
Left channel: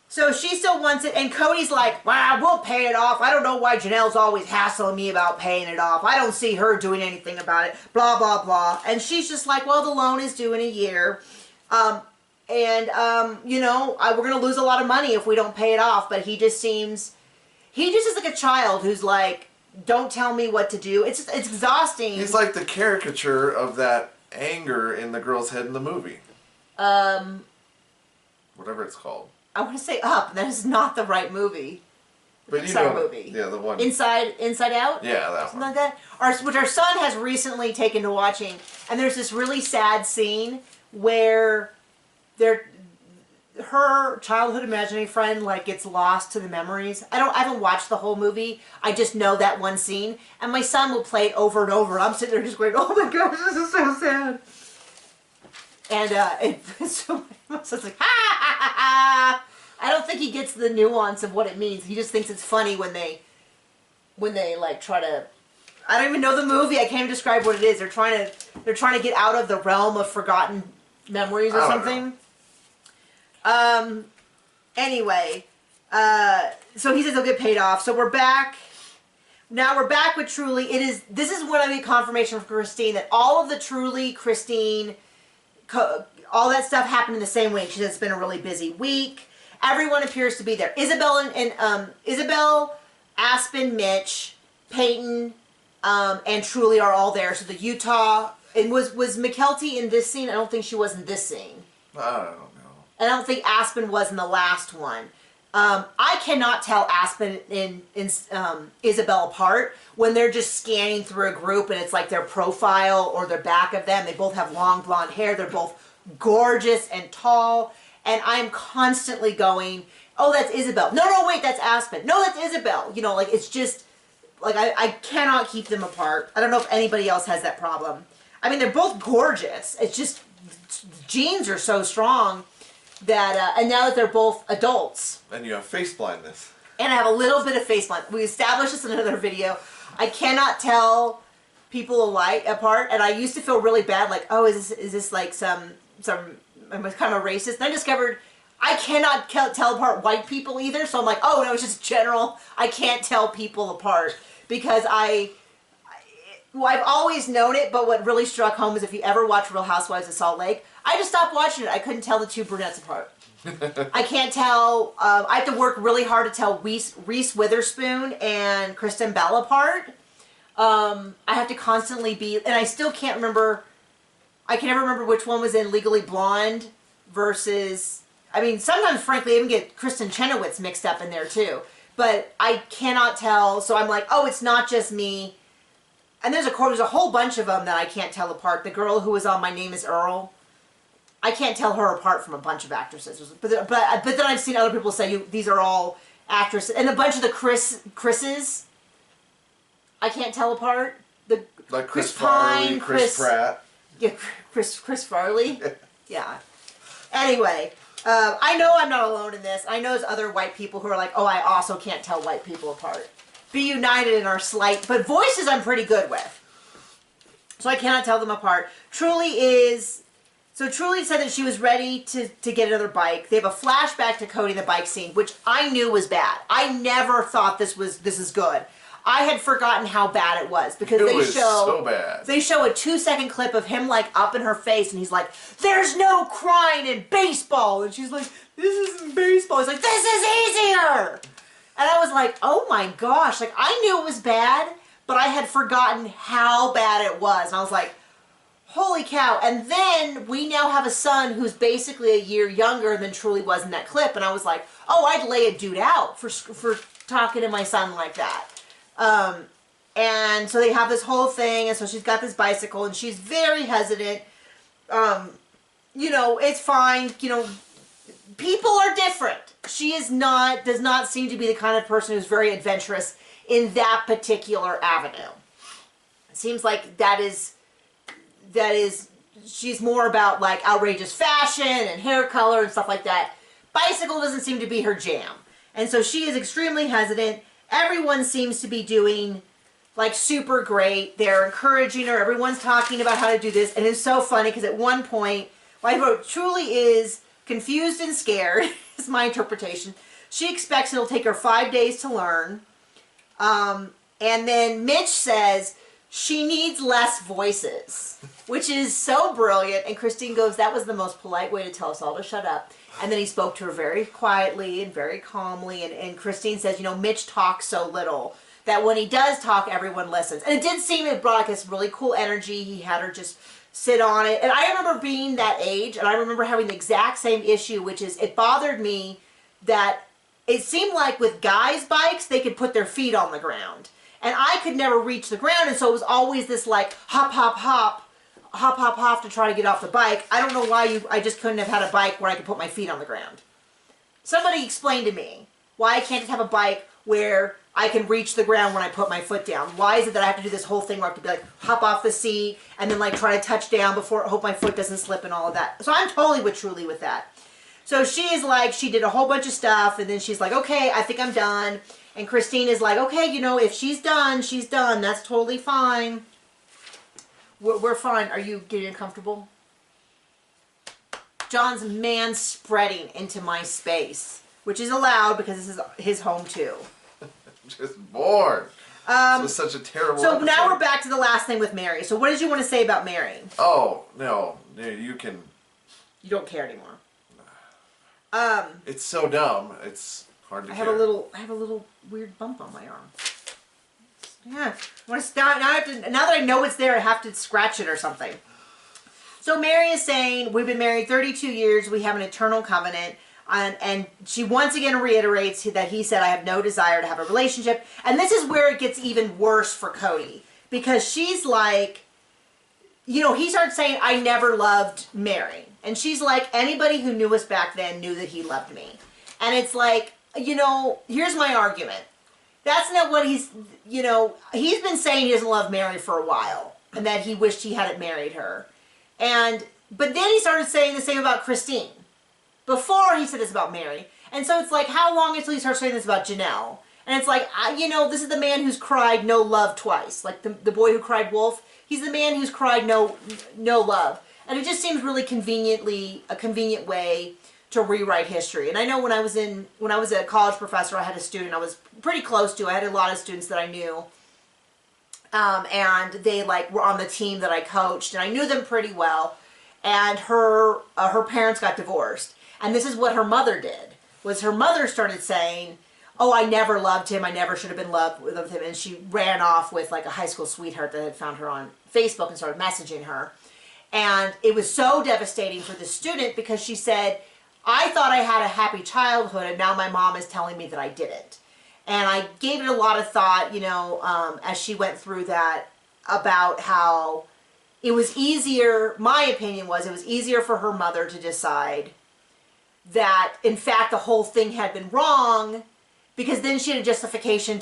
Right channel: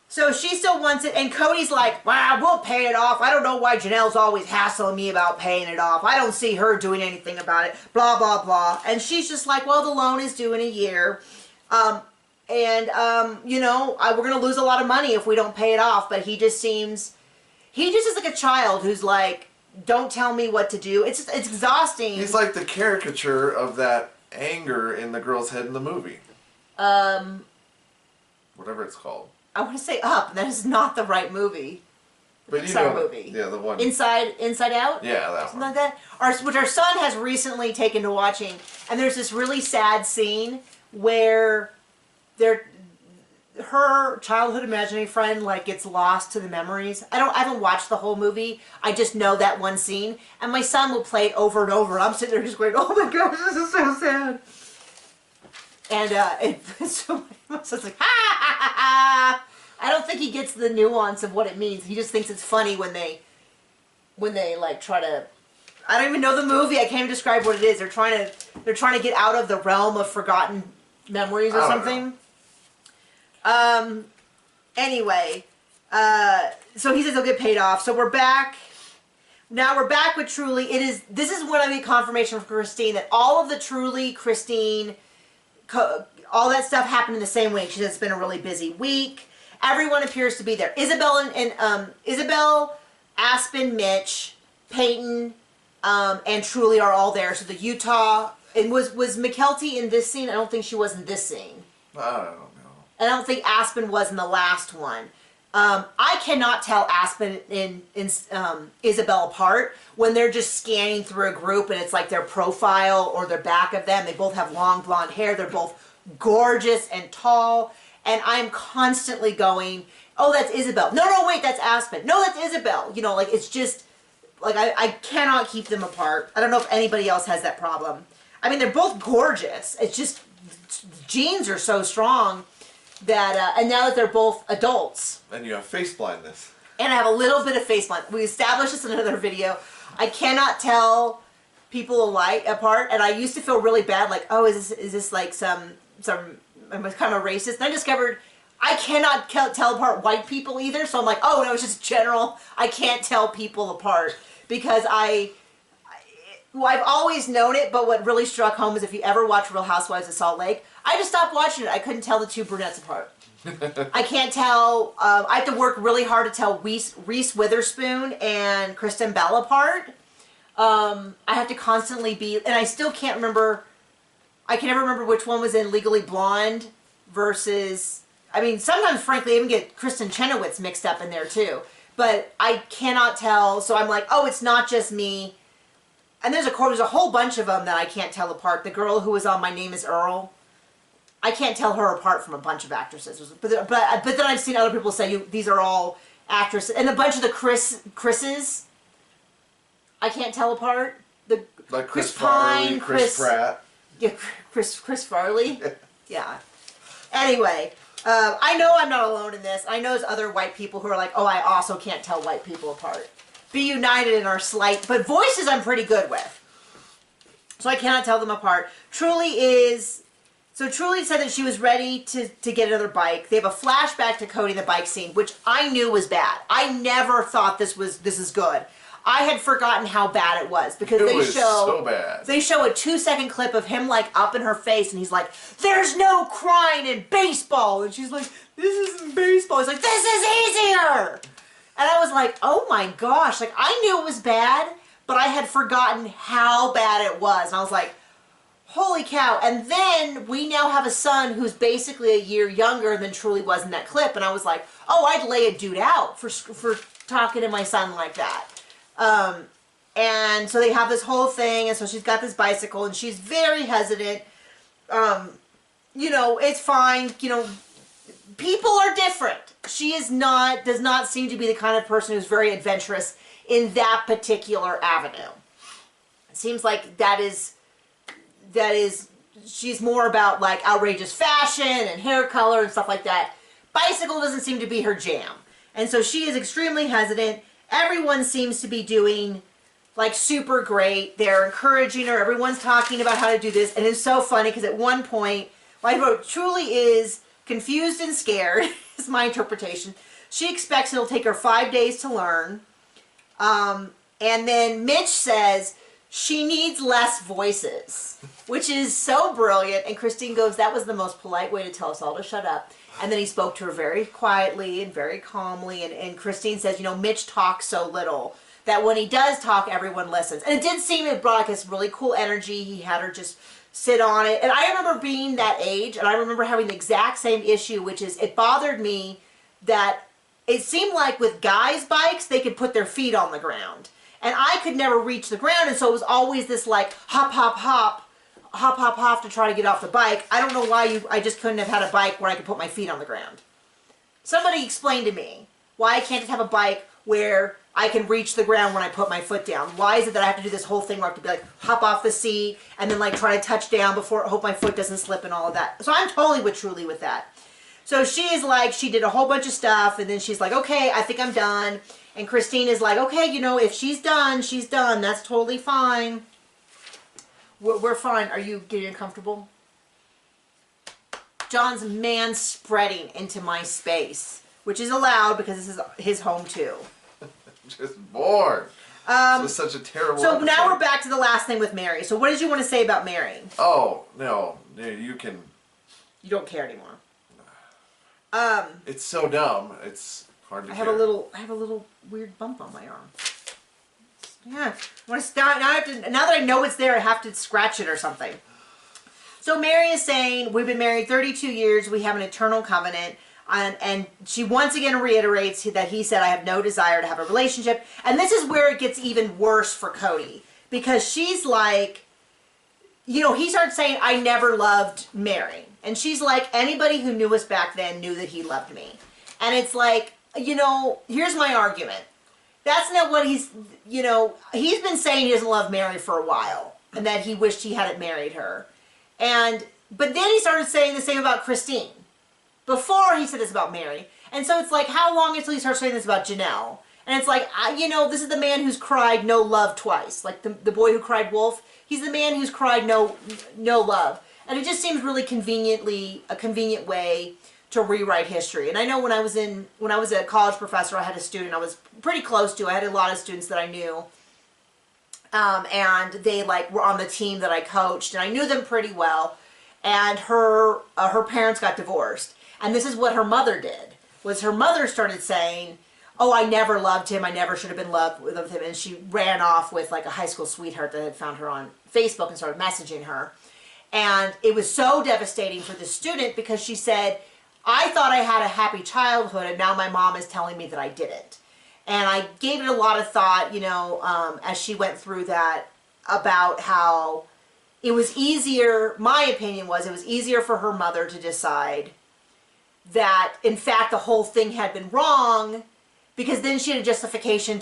So she still wants it, and Cody's like, wow, we'll pay it off. I don't know why Janelle's always hassling me about paying it off. I don't see her doing anything about it, blah, blah, blah. And she's just like, well, the loan is due in a year. You know, we're going to lose a lot of money if we don't pay it off. But he just is like a child who's like, don't tell me what to do. It's exhausting. He's like the caricature of that anger in the girl's head in the movie. Whatever it's called. I want to say Up, and that is not the right movie. But you know, movie. Yeah, the one. Inside Out? Yeah, that Something one. like that. Which our son has recently taken to watching, and there's this really sad scene where her childhood imaginary friend like gets lost to the memories. I haven't watched the whole movie. I just know that one scene, and my son will play it over and over. And I'm sitting there just going, "Oh my gosh, this is so sad." And it's like, ha ha ha ha. I don't think he gets the nuance of what it means. He just thinks it's funny when they like try to. I don't even know the movie. I can't even describe what it is. They're trying to get out of the realm of forgotten memories or something. Anyway, so he says he'll get paid off. So we're back. Now we're back with Truly. This is when I get confirmation from Christine that all of the Truly, Christine, all that stuff happened in the same week. She says it's been a really busy week. Everyone appears to be there. Isabel Isabel, Aspen, Mitch, Peyton, and Truly are all there. So the Utah, and was McKelty in this scene? I don't think she was in this scene. I don't know. I don't think Aspen was in the last one. I cannot tell Aspen and Isabel apart when they're just scanning through a group and it's like their profile or their back of them. They both have long blonde hair. They're both gorgeous and tall. And I'm constantly going, oh, that's Isabel. No, wait, that's Aspen. No, that's Isabel. You know, like, it's just, like, I cannot keep them apart. I don't know if anybody else has that problem. I mean, they're both gorgeous. It's just, genes are so strong that, and now that they're both adults. And you have face blindness. And I have a little bit of face blindness. We established this in another video. I cannot tell people alike apart, and I used to feel really bad, like, oh, is this like some I'm kind of a racist. And I discovered I cannot tell apart white people either. So I'm like, oh no, it's just general. I can't tell people apart because I've always known it. But what really struck home is if you ever watch Real Housewives of Salt Lake, I just stopped watching it. I couldn't tell the two brunettes apart. I can't tell. I have to work really hard to tell Reese Witherspoon and Kristen Bell apart. I have to constantly be, and I still can't remember. I can never remember which one was in Legally Blonde versus, I mean, sometimes, frankly, I even get Kristen Chenoweth mixed up in there, too. But I cannot tell, so I'm like, oh, it's not just me. And there's a whole bunch of them that I can't tell apart. The girl who was on My Name is Earl, I can't tell her apart from a bunch of actresses. But then I've seen other people say, these are all actresses. And a bunch of the Chris's, I can't tell apart. Like Chris Farley, Chris Pratt. Yeah, Chris Farley. Yeah. Anyway, I know I'm not alone in this. I know there's other white people who are like, oh, I also can't tell white people apart. Be united in our slight, but voices I'm pretty good with. So I cannot tell them apart. Truly said that she was ready to get another bike. They have a flashback to Cody in the bike scene, which I knew was bad. I never thought this is good. I had forgotten how bad it was because so bad. They show a 2-second clip of him like up in her face and he's like, there's no crying in baseball. And she's like, this isn't baseball. He's like, this is easier. And I was like, oh my gosh. Like, I knew it was bad, but I had forgotten how bad it was. And I was like, holy cow. And then we now have a son who's basically a year younger than Truly was in that clip. And I was like, oh, I'd lay a dude out for talking to my son like that. And so they have this whole thing, and so she's got this bicycle, and she's very hesitant. You know, it's fine. You know, people are different. She does not seem to be the kind of person who's very adventurous in that particular avenue. It seems like she's more about like outrageous fashion and hair color and stuff like that. Bicycle doesn't seem to be her jam. And so she is extremely hesitant. Everyone seems to be doing like super great. They're encouraging her. Everyone's talking about how to do this. And it's so funny because at one point, I wrote, truly is confused and scared, is my interpretation. She expects it'll take her 5 days to learn. And then Mitch says, she needs less voices, which is so brilliant. And Christine goes, that was the most polite way to tell us all to shut up. And then he spoke to her very quietly and very calmly. And Christine says, you know, Mitch talks so little that when he does talk, everyone listens. And it did seem it brought like this really cool energy. He had her just sit on it. And I remember being that age, and I remember having the exact same issue, which is it bothered me that it seemed like with guys' bikes, they could put their feet on the ground. And I could never reach the ground, and so it was always this like hop, hop, hop, hop, hop, hop to try to get off the bike. I don't know why I just couldn't have had a bike where I could put my feet on the ground. Somebody explain to me why I can't just have a bike where I can reach the ground when I put my foot down. Why is it that I have to do this whole thing where I have to be like hop off the seat and then like try to touch down before, hope my foot doesn't slip and all of that. So I'm totally with Truly with that. So she is like, she did a whole bunch of stuff and then she's like, okay, I think I'm done. And Christine is like, okay, you know, if she's done, she's done. That's totally fine. We're fine. Are you getting uncomfortable? John's man-spreading into my space, which is allowed because this is his home too. Just bored. This was such a terrible So episode. now we're back to the last thing with Mary. So what did you want to say about Mary? Oh, no. You can... You don't care anymore. It's so dumb. It's hard to I care. have a little weird bump on my arm. Yeah. I want to start, now that I know it's there, I have to scratch it or something. So Mary is saying, we've been married 32 years, we have an eternal covenant, and she once again reiterates that he said, I have no desire to have a relationship. And this is where it gets even worse for Cody, because she's like, you know, he starts saying, I never loved Mary. And she's like, anybody who knew us back then knew that he loved me. And it's like, you know, here's my argument. That's not what he's, you know, he's been saying he doesn't love Mary for a while. And that he wished he hadn't married her. But then he started saying the same about Christine. Before he said this about Mary. And so it's like, how long until he starts saying this about Janelle? And it's like, you know, this is the man who's cried no love twice. Like the boy who cried wolf. He's the man who's cried no love. And it just seems really a convenient way to rewrite history. And I know when I was a college professor, I had a student I was pretty close to. I had a lot of students that I knew. And they like were on the team that I coached, and I knew them pretty well. And her parents got divorced. And this is what her mother did, was her mother started saying, oh, I never loved him. I never should have been in love with him. And she ran off with like a high school sweetheart that had found her on Facebook and started messaging her. And it was so devastating for the student because she said, I thought I had a happy childhood and now my mom is telling me that I didn't. And I gave it a lot of thought, you know, as she went through that, about how it was easier, my opinion was, it was easier for her mother to decide that, in fact, the whole thing had been wrong, because then she had a justification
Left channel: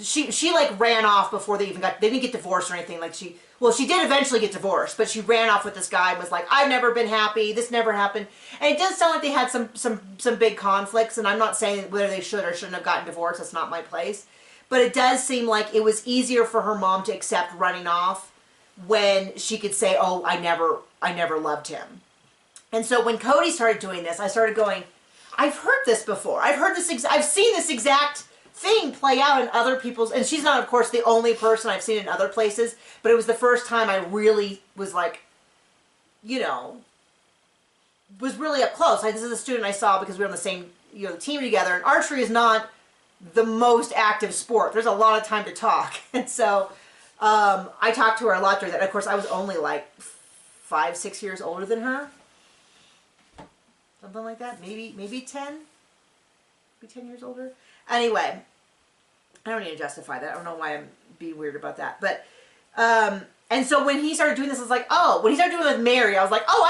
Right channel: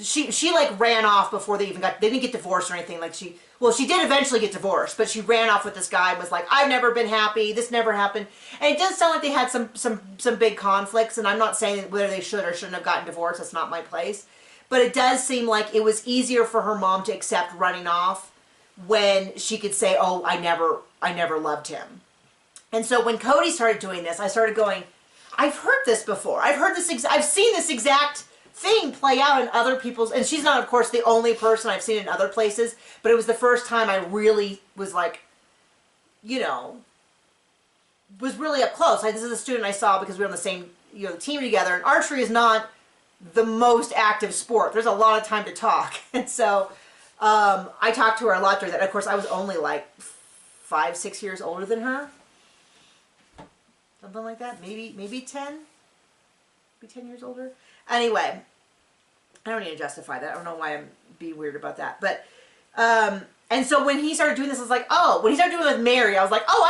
she like ran off before they didn't get divorced or anything. Like she did eventually get divorced, but she ran off with this guy and was like, I've never been happy, this never happened. And it does sound like they had some big conflicts, and I'm not saying whether they should or shouldn't have gotten divorced, that's not my place. But it does seem like it was easier for her mom to accept running off when she could say, oh, I never loved him. And so when Cody started doing this, I started going, I've heard this before. I've seen this exact thing play out in other people's, and she's not, of course, the only person I've seen in other places, but it was the first time I really was like, you know, was really up close. This is a student I saw because we were on the same, you know, team together, and archery is not the most active sport. There's a lot of time to talk. And so I talked to her a lot during that. Of course, I was only like 5-6 years older than her. Something like that. Maybe 10? Maybe 10 years older? Anyway, I don't need to justify that. I don't know why I'm being weird about that. But, and so when he started doing this, I was like, oh, when he started doing it with Mary, I was like, oh,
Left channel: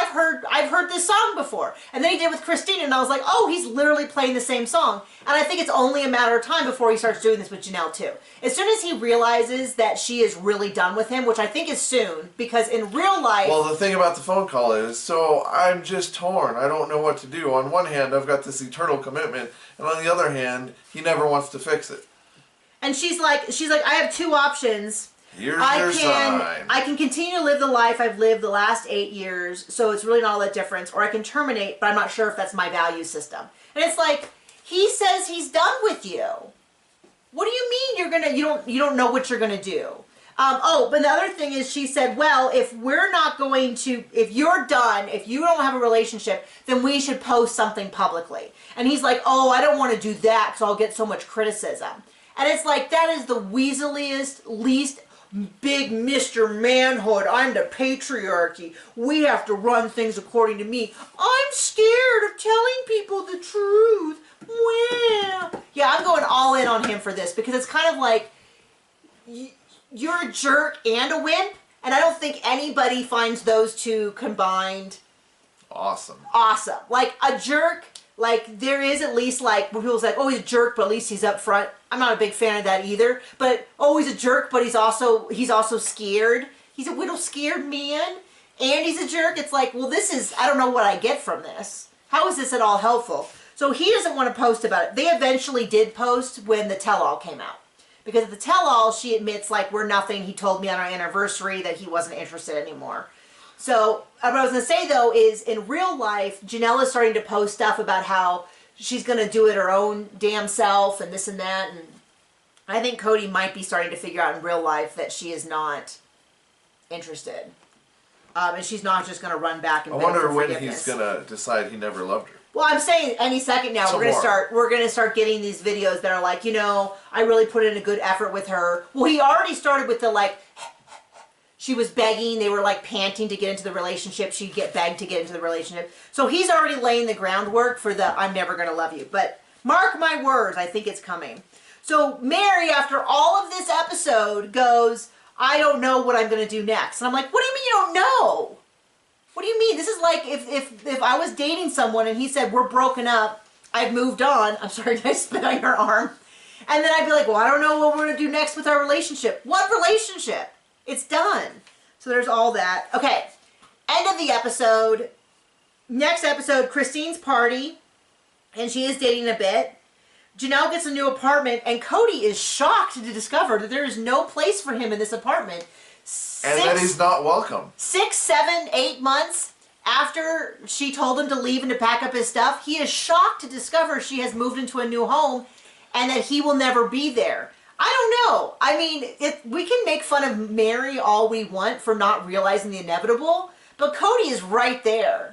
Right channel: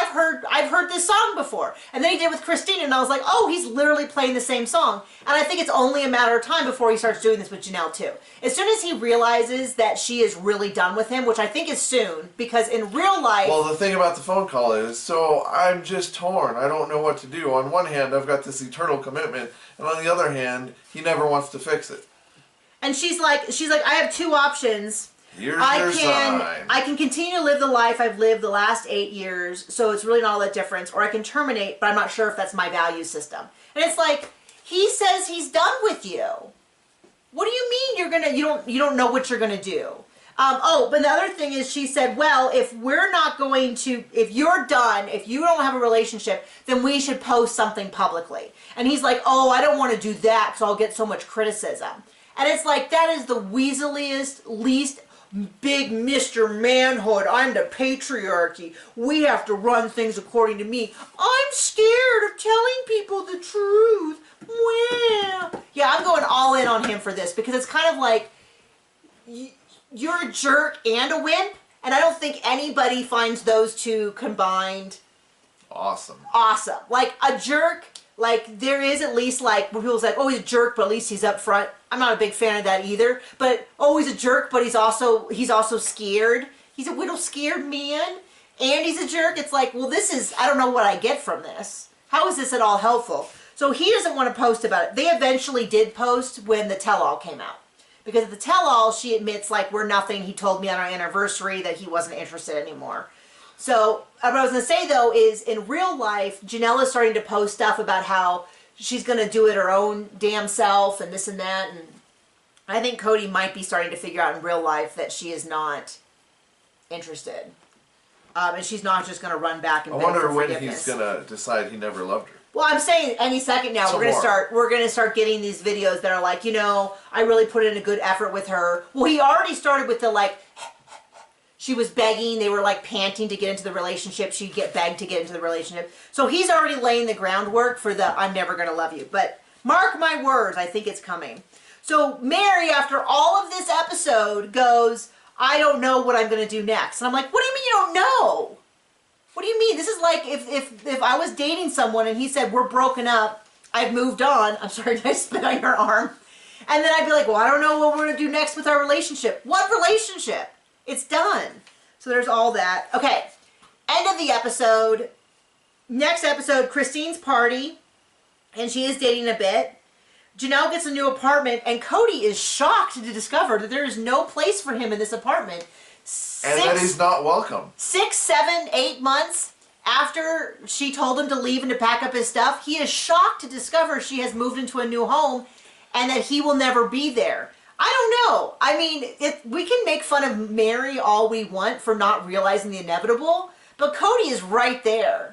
I've heard this song before. And then he did it with Christine, and I was like, oh, he's literally playing the same song. And I think it's only a matter of time before he starts doing this with Janelle too. As soon as he realizes that she is really done with him, which I think is soon, because in real life... Well, the thing about the phone call is, so I'm just torn. I don't know what to do. On one hand, I've got this eternal commitment, and on the other hand, he never wants to fix it. And she's like, I have two options. Here's your sign. I can continue to live the life I've lived the last 8 years, so it's really not all that difference, or I can terminate, but I'm not sure if that's my value system. And it's like, he says he's done with you. What do you mean you don't know what you're gonna do? But the other thing is, she said, well, if you're done, if you don't have a relationship, then we should post something publicly. And he's like, oh, I don't want to do that because I'll get so much criticism. And it's like, that is the weaseliest, least big Mr. Manhood. I'm the patriarchy. We have to run things according to me. I'm scared of telling people the truth. Well, yeah, I'm going all in on him for this because it's kind of like, you're a jerk and a wimp, and I don't think anybody finds those two combined awesome. Like a jerk, like there is at least like when people's like, oh, he's a jerk, but at least he's up front. I'm not a big fan of that either. But oh, he's a jerk, but he's also scared. He's a little scared man, and he's a jerk. It's like, well, I don't know what I get from this. How is this at all helpful? So he doesn't want to post about it. They eventually did post when the tell-all came out. Because at the tell-all, she admits, like, we're nothing. He told me on our anniversary that he wasn't interested anymore. So, what I was going to say, though, is in real life, Janelle is starting to post stuff about how she's going to do it her own damn self and this and that. And I think Cody might be starting to figure out in real life that she is not interested. And she's not just going to run back and beg for forgiveness. I wonder when he's going to decide he never loved her. Well, I'm saying any second now we're gonna start getting these videos that are like, I really put in a good effort with her. Well, he already started with the like, she was begging, they were like panting to get into the relationship. She'd get begged to get into the relationship. So he's already laying the groundwork for the I'm never gonna love you. But mark my words, I think it's coming. So Mary, after all of this episode, goes, I don't know what I'm gonna do next. And I'm like, what do you mean you don't know? What do you mean? This is like if I was dating someone and he said, we're broken up, I've moved on. I'm sorry, did I spit on your arm? And then I'd be like, well, I don't know what we're going to do next with our relationship. What relationship? It's done. So there's all that. Okay, end of the episode. Next episode, Christine's party, and she is dating a bit. Janelle gets a new apartment, and Cody is shocked to discover that there is no place for him in this apartment. And that he's not welcome. 6, 7, 8 months after she told him to leave and to pack up his stuff, he is shocked to discover she has moved into a new home and that he will never be there. I don't know. I mean, we can make fun of Mary all we want for not realizing the inevitable, but Cody is right there.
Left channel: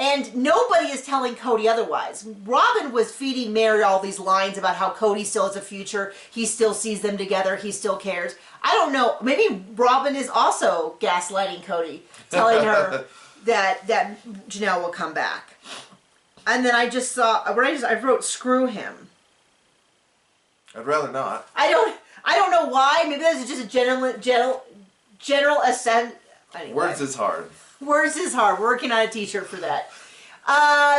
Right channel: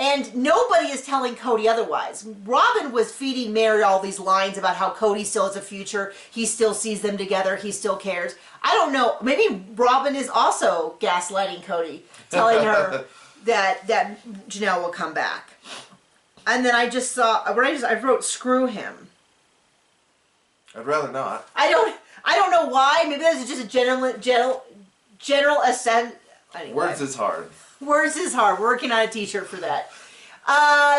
And nobody is telling Cody otherwise. Robin was feeding Mary all these lines about how Cody still has a future. He still sees them together. He still cares. I don't know. Maybe Robin is also gaslighting Cody, telling her that Janelle will come back. And then I just saw, I wrote, screw him. I'd rather not. I don't know why. Maybe that's just a general assent. Anyway. Words is hard. Words is hard. We're working on a t-shirt for that.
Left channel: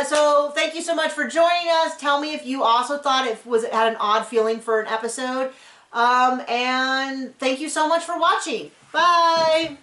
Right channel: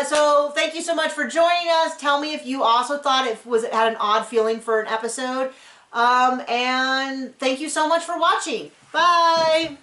So thank you so much for joining us. Tell me if you also thought it had an odd feeling for an episode. And thank you so much for watching. Bye.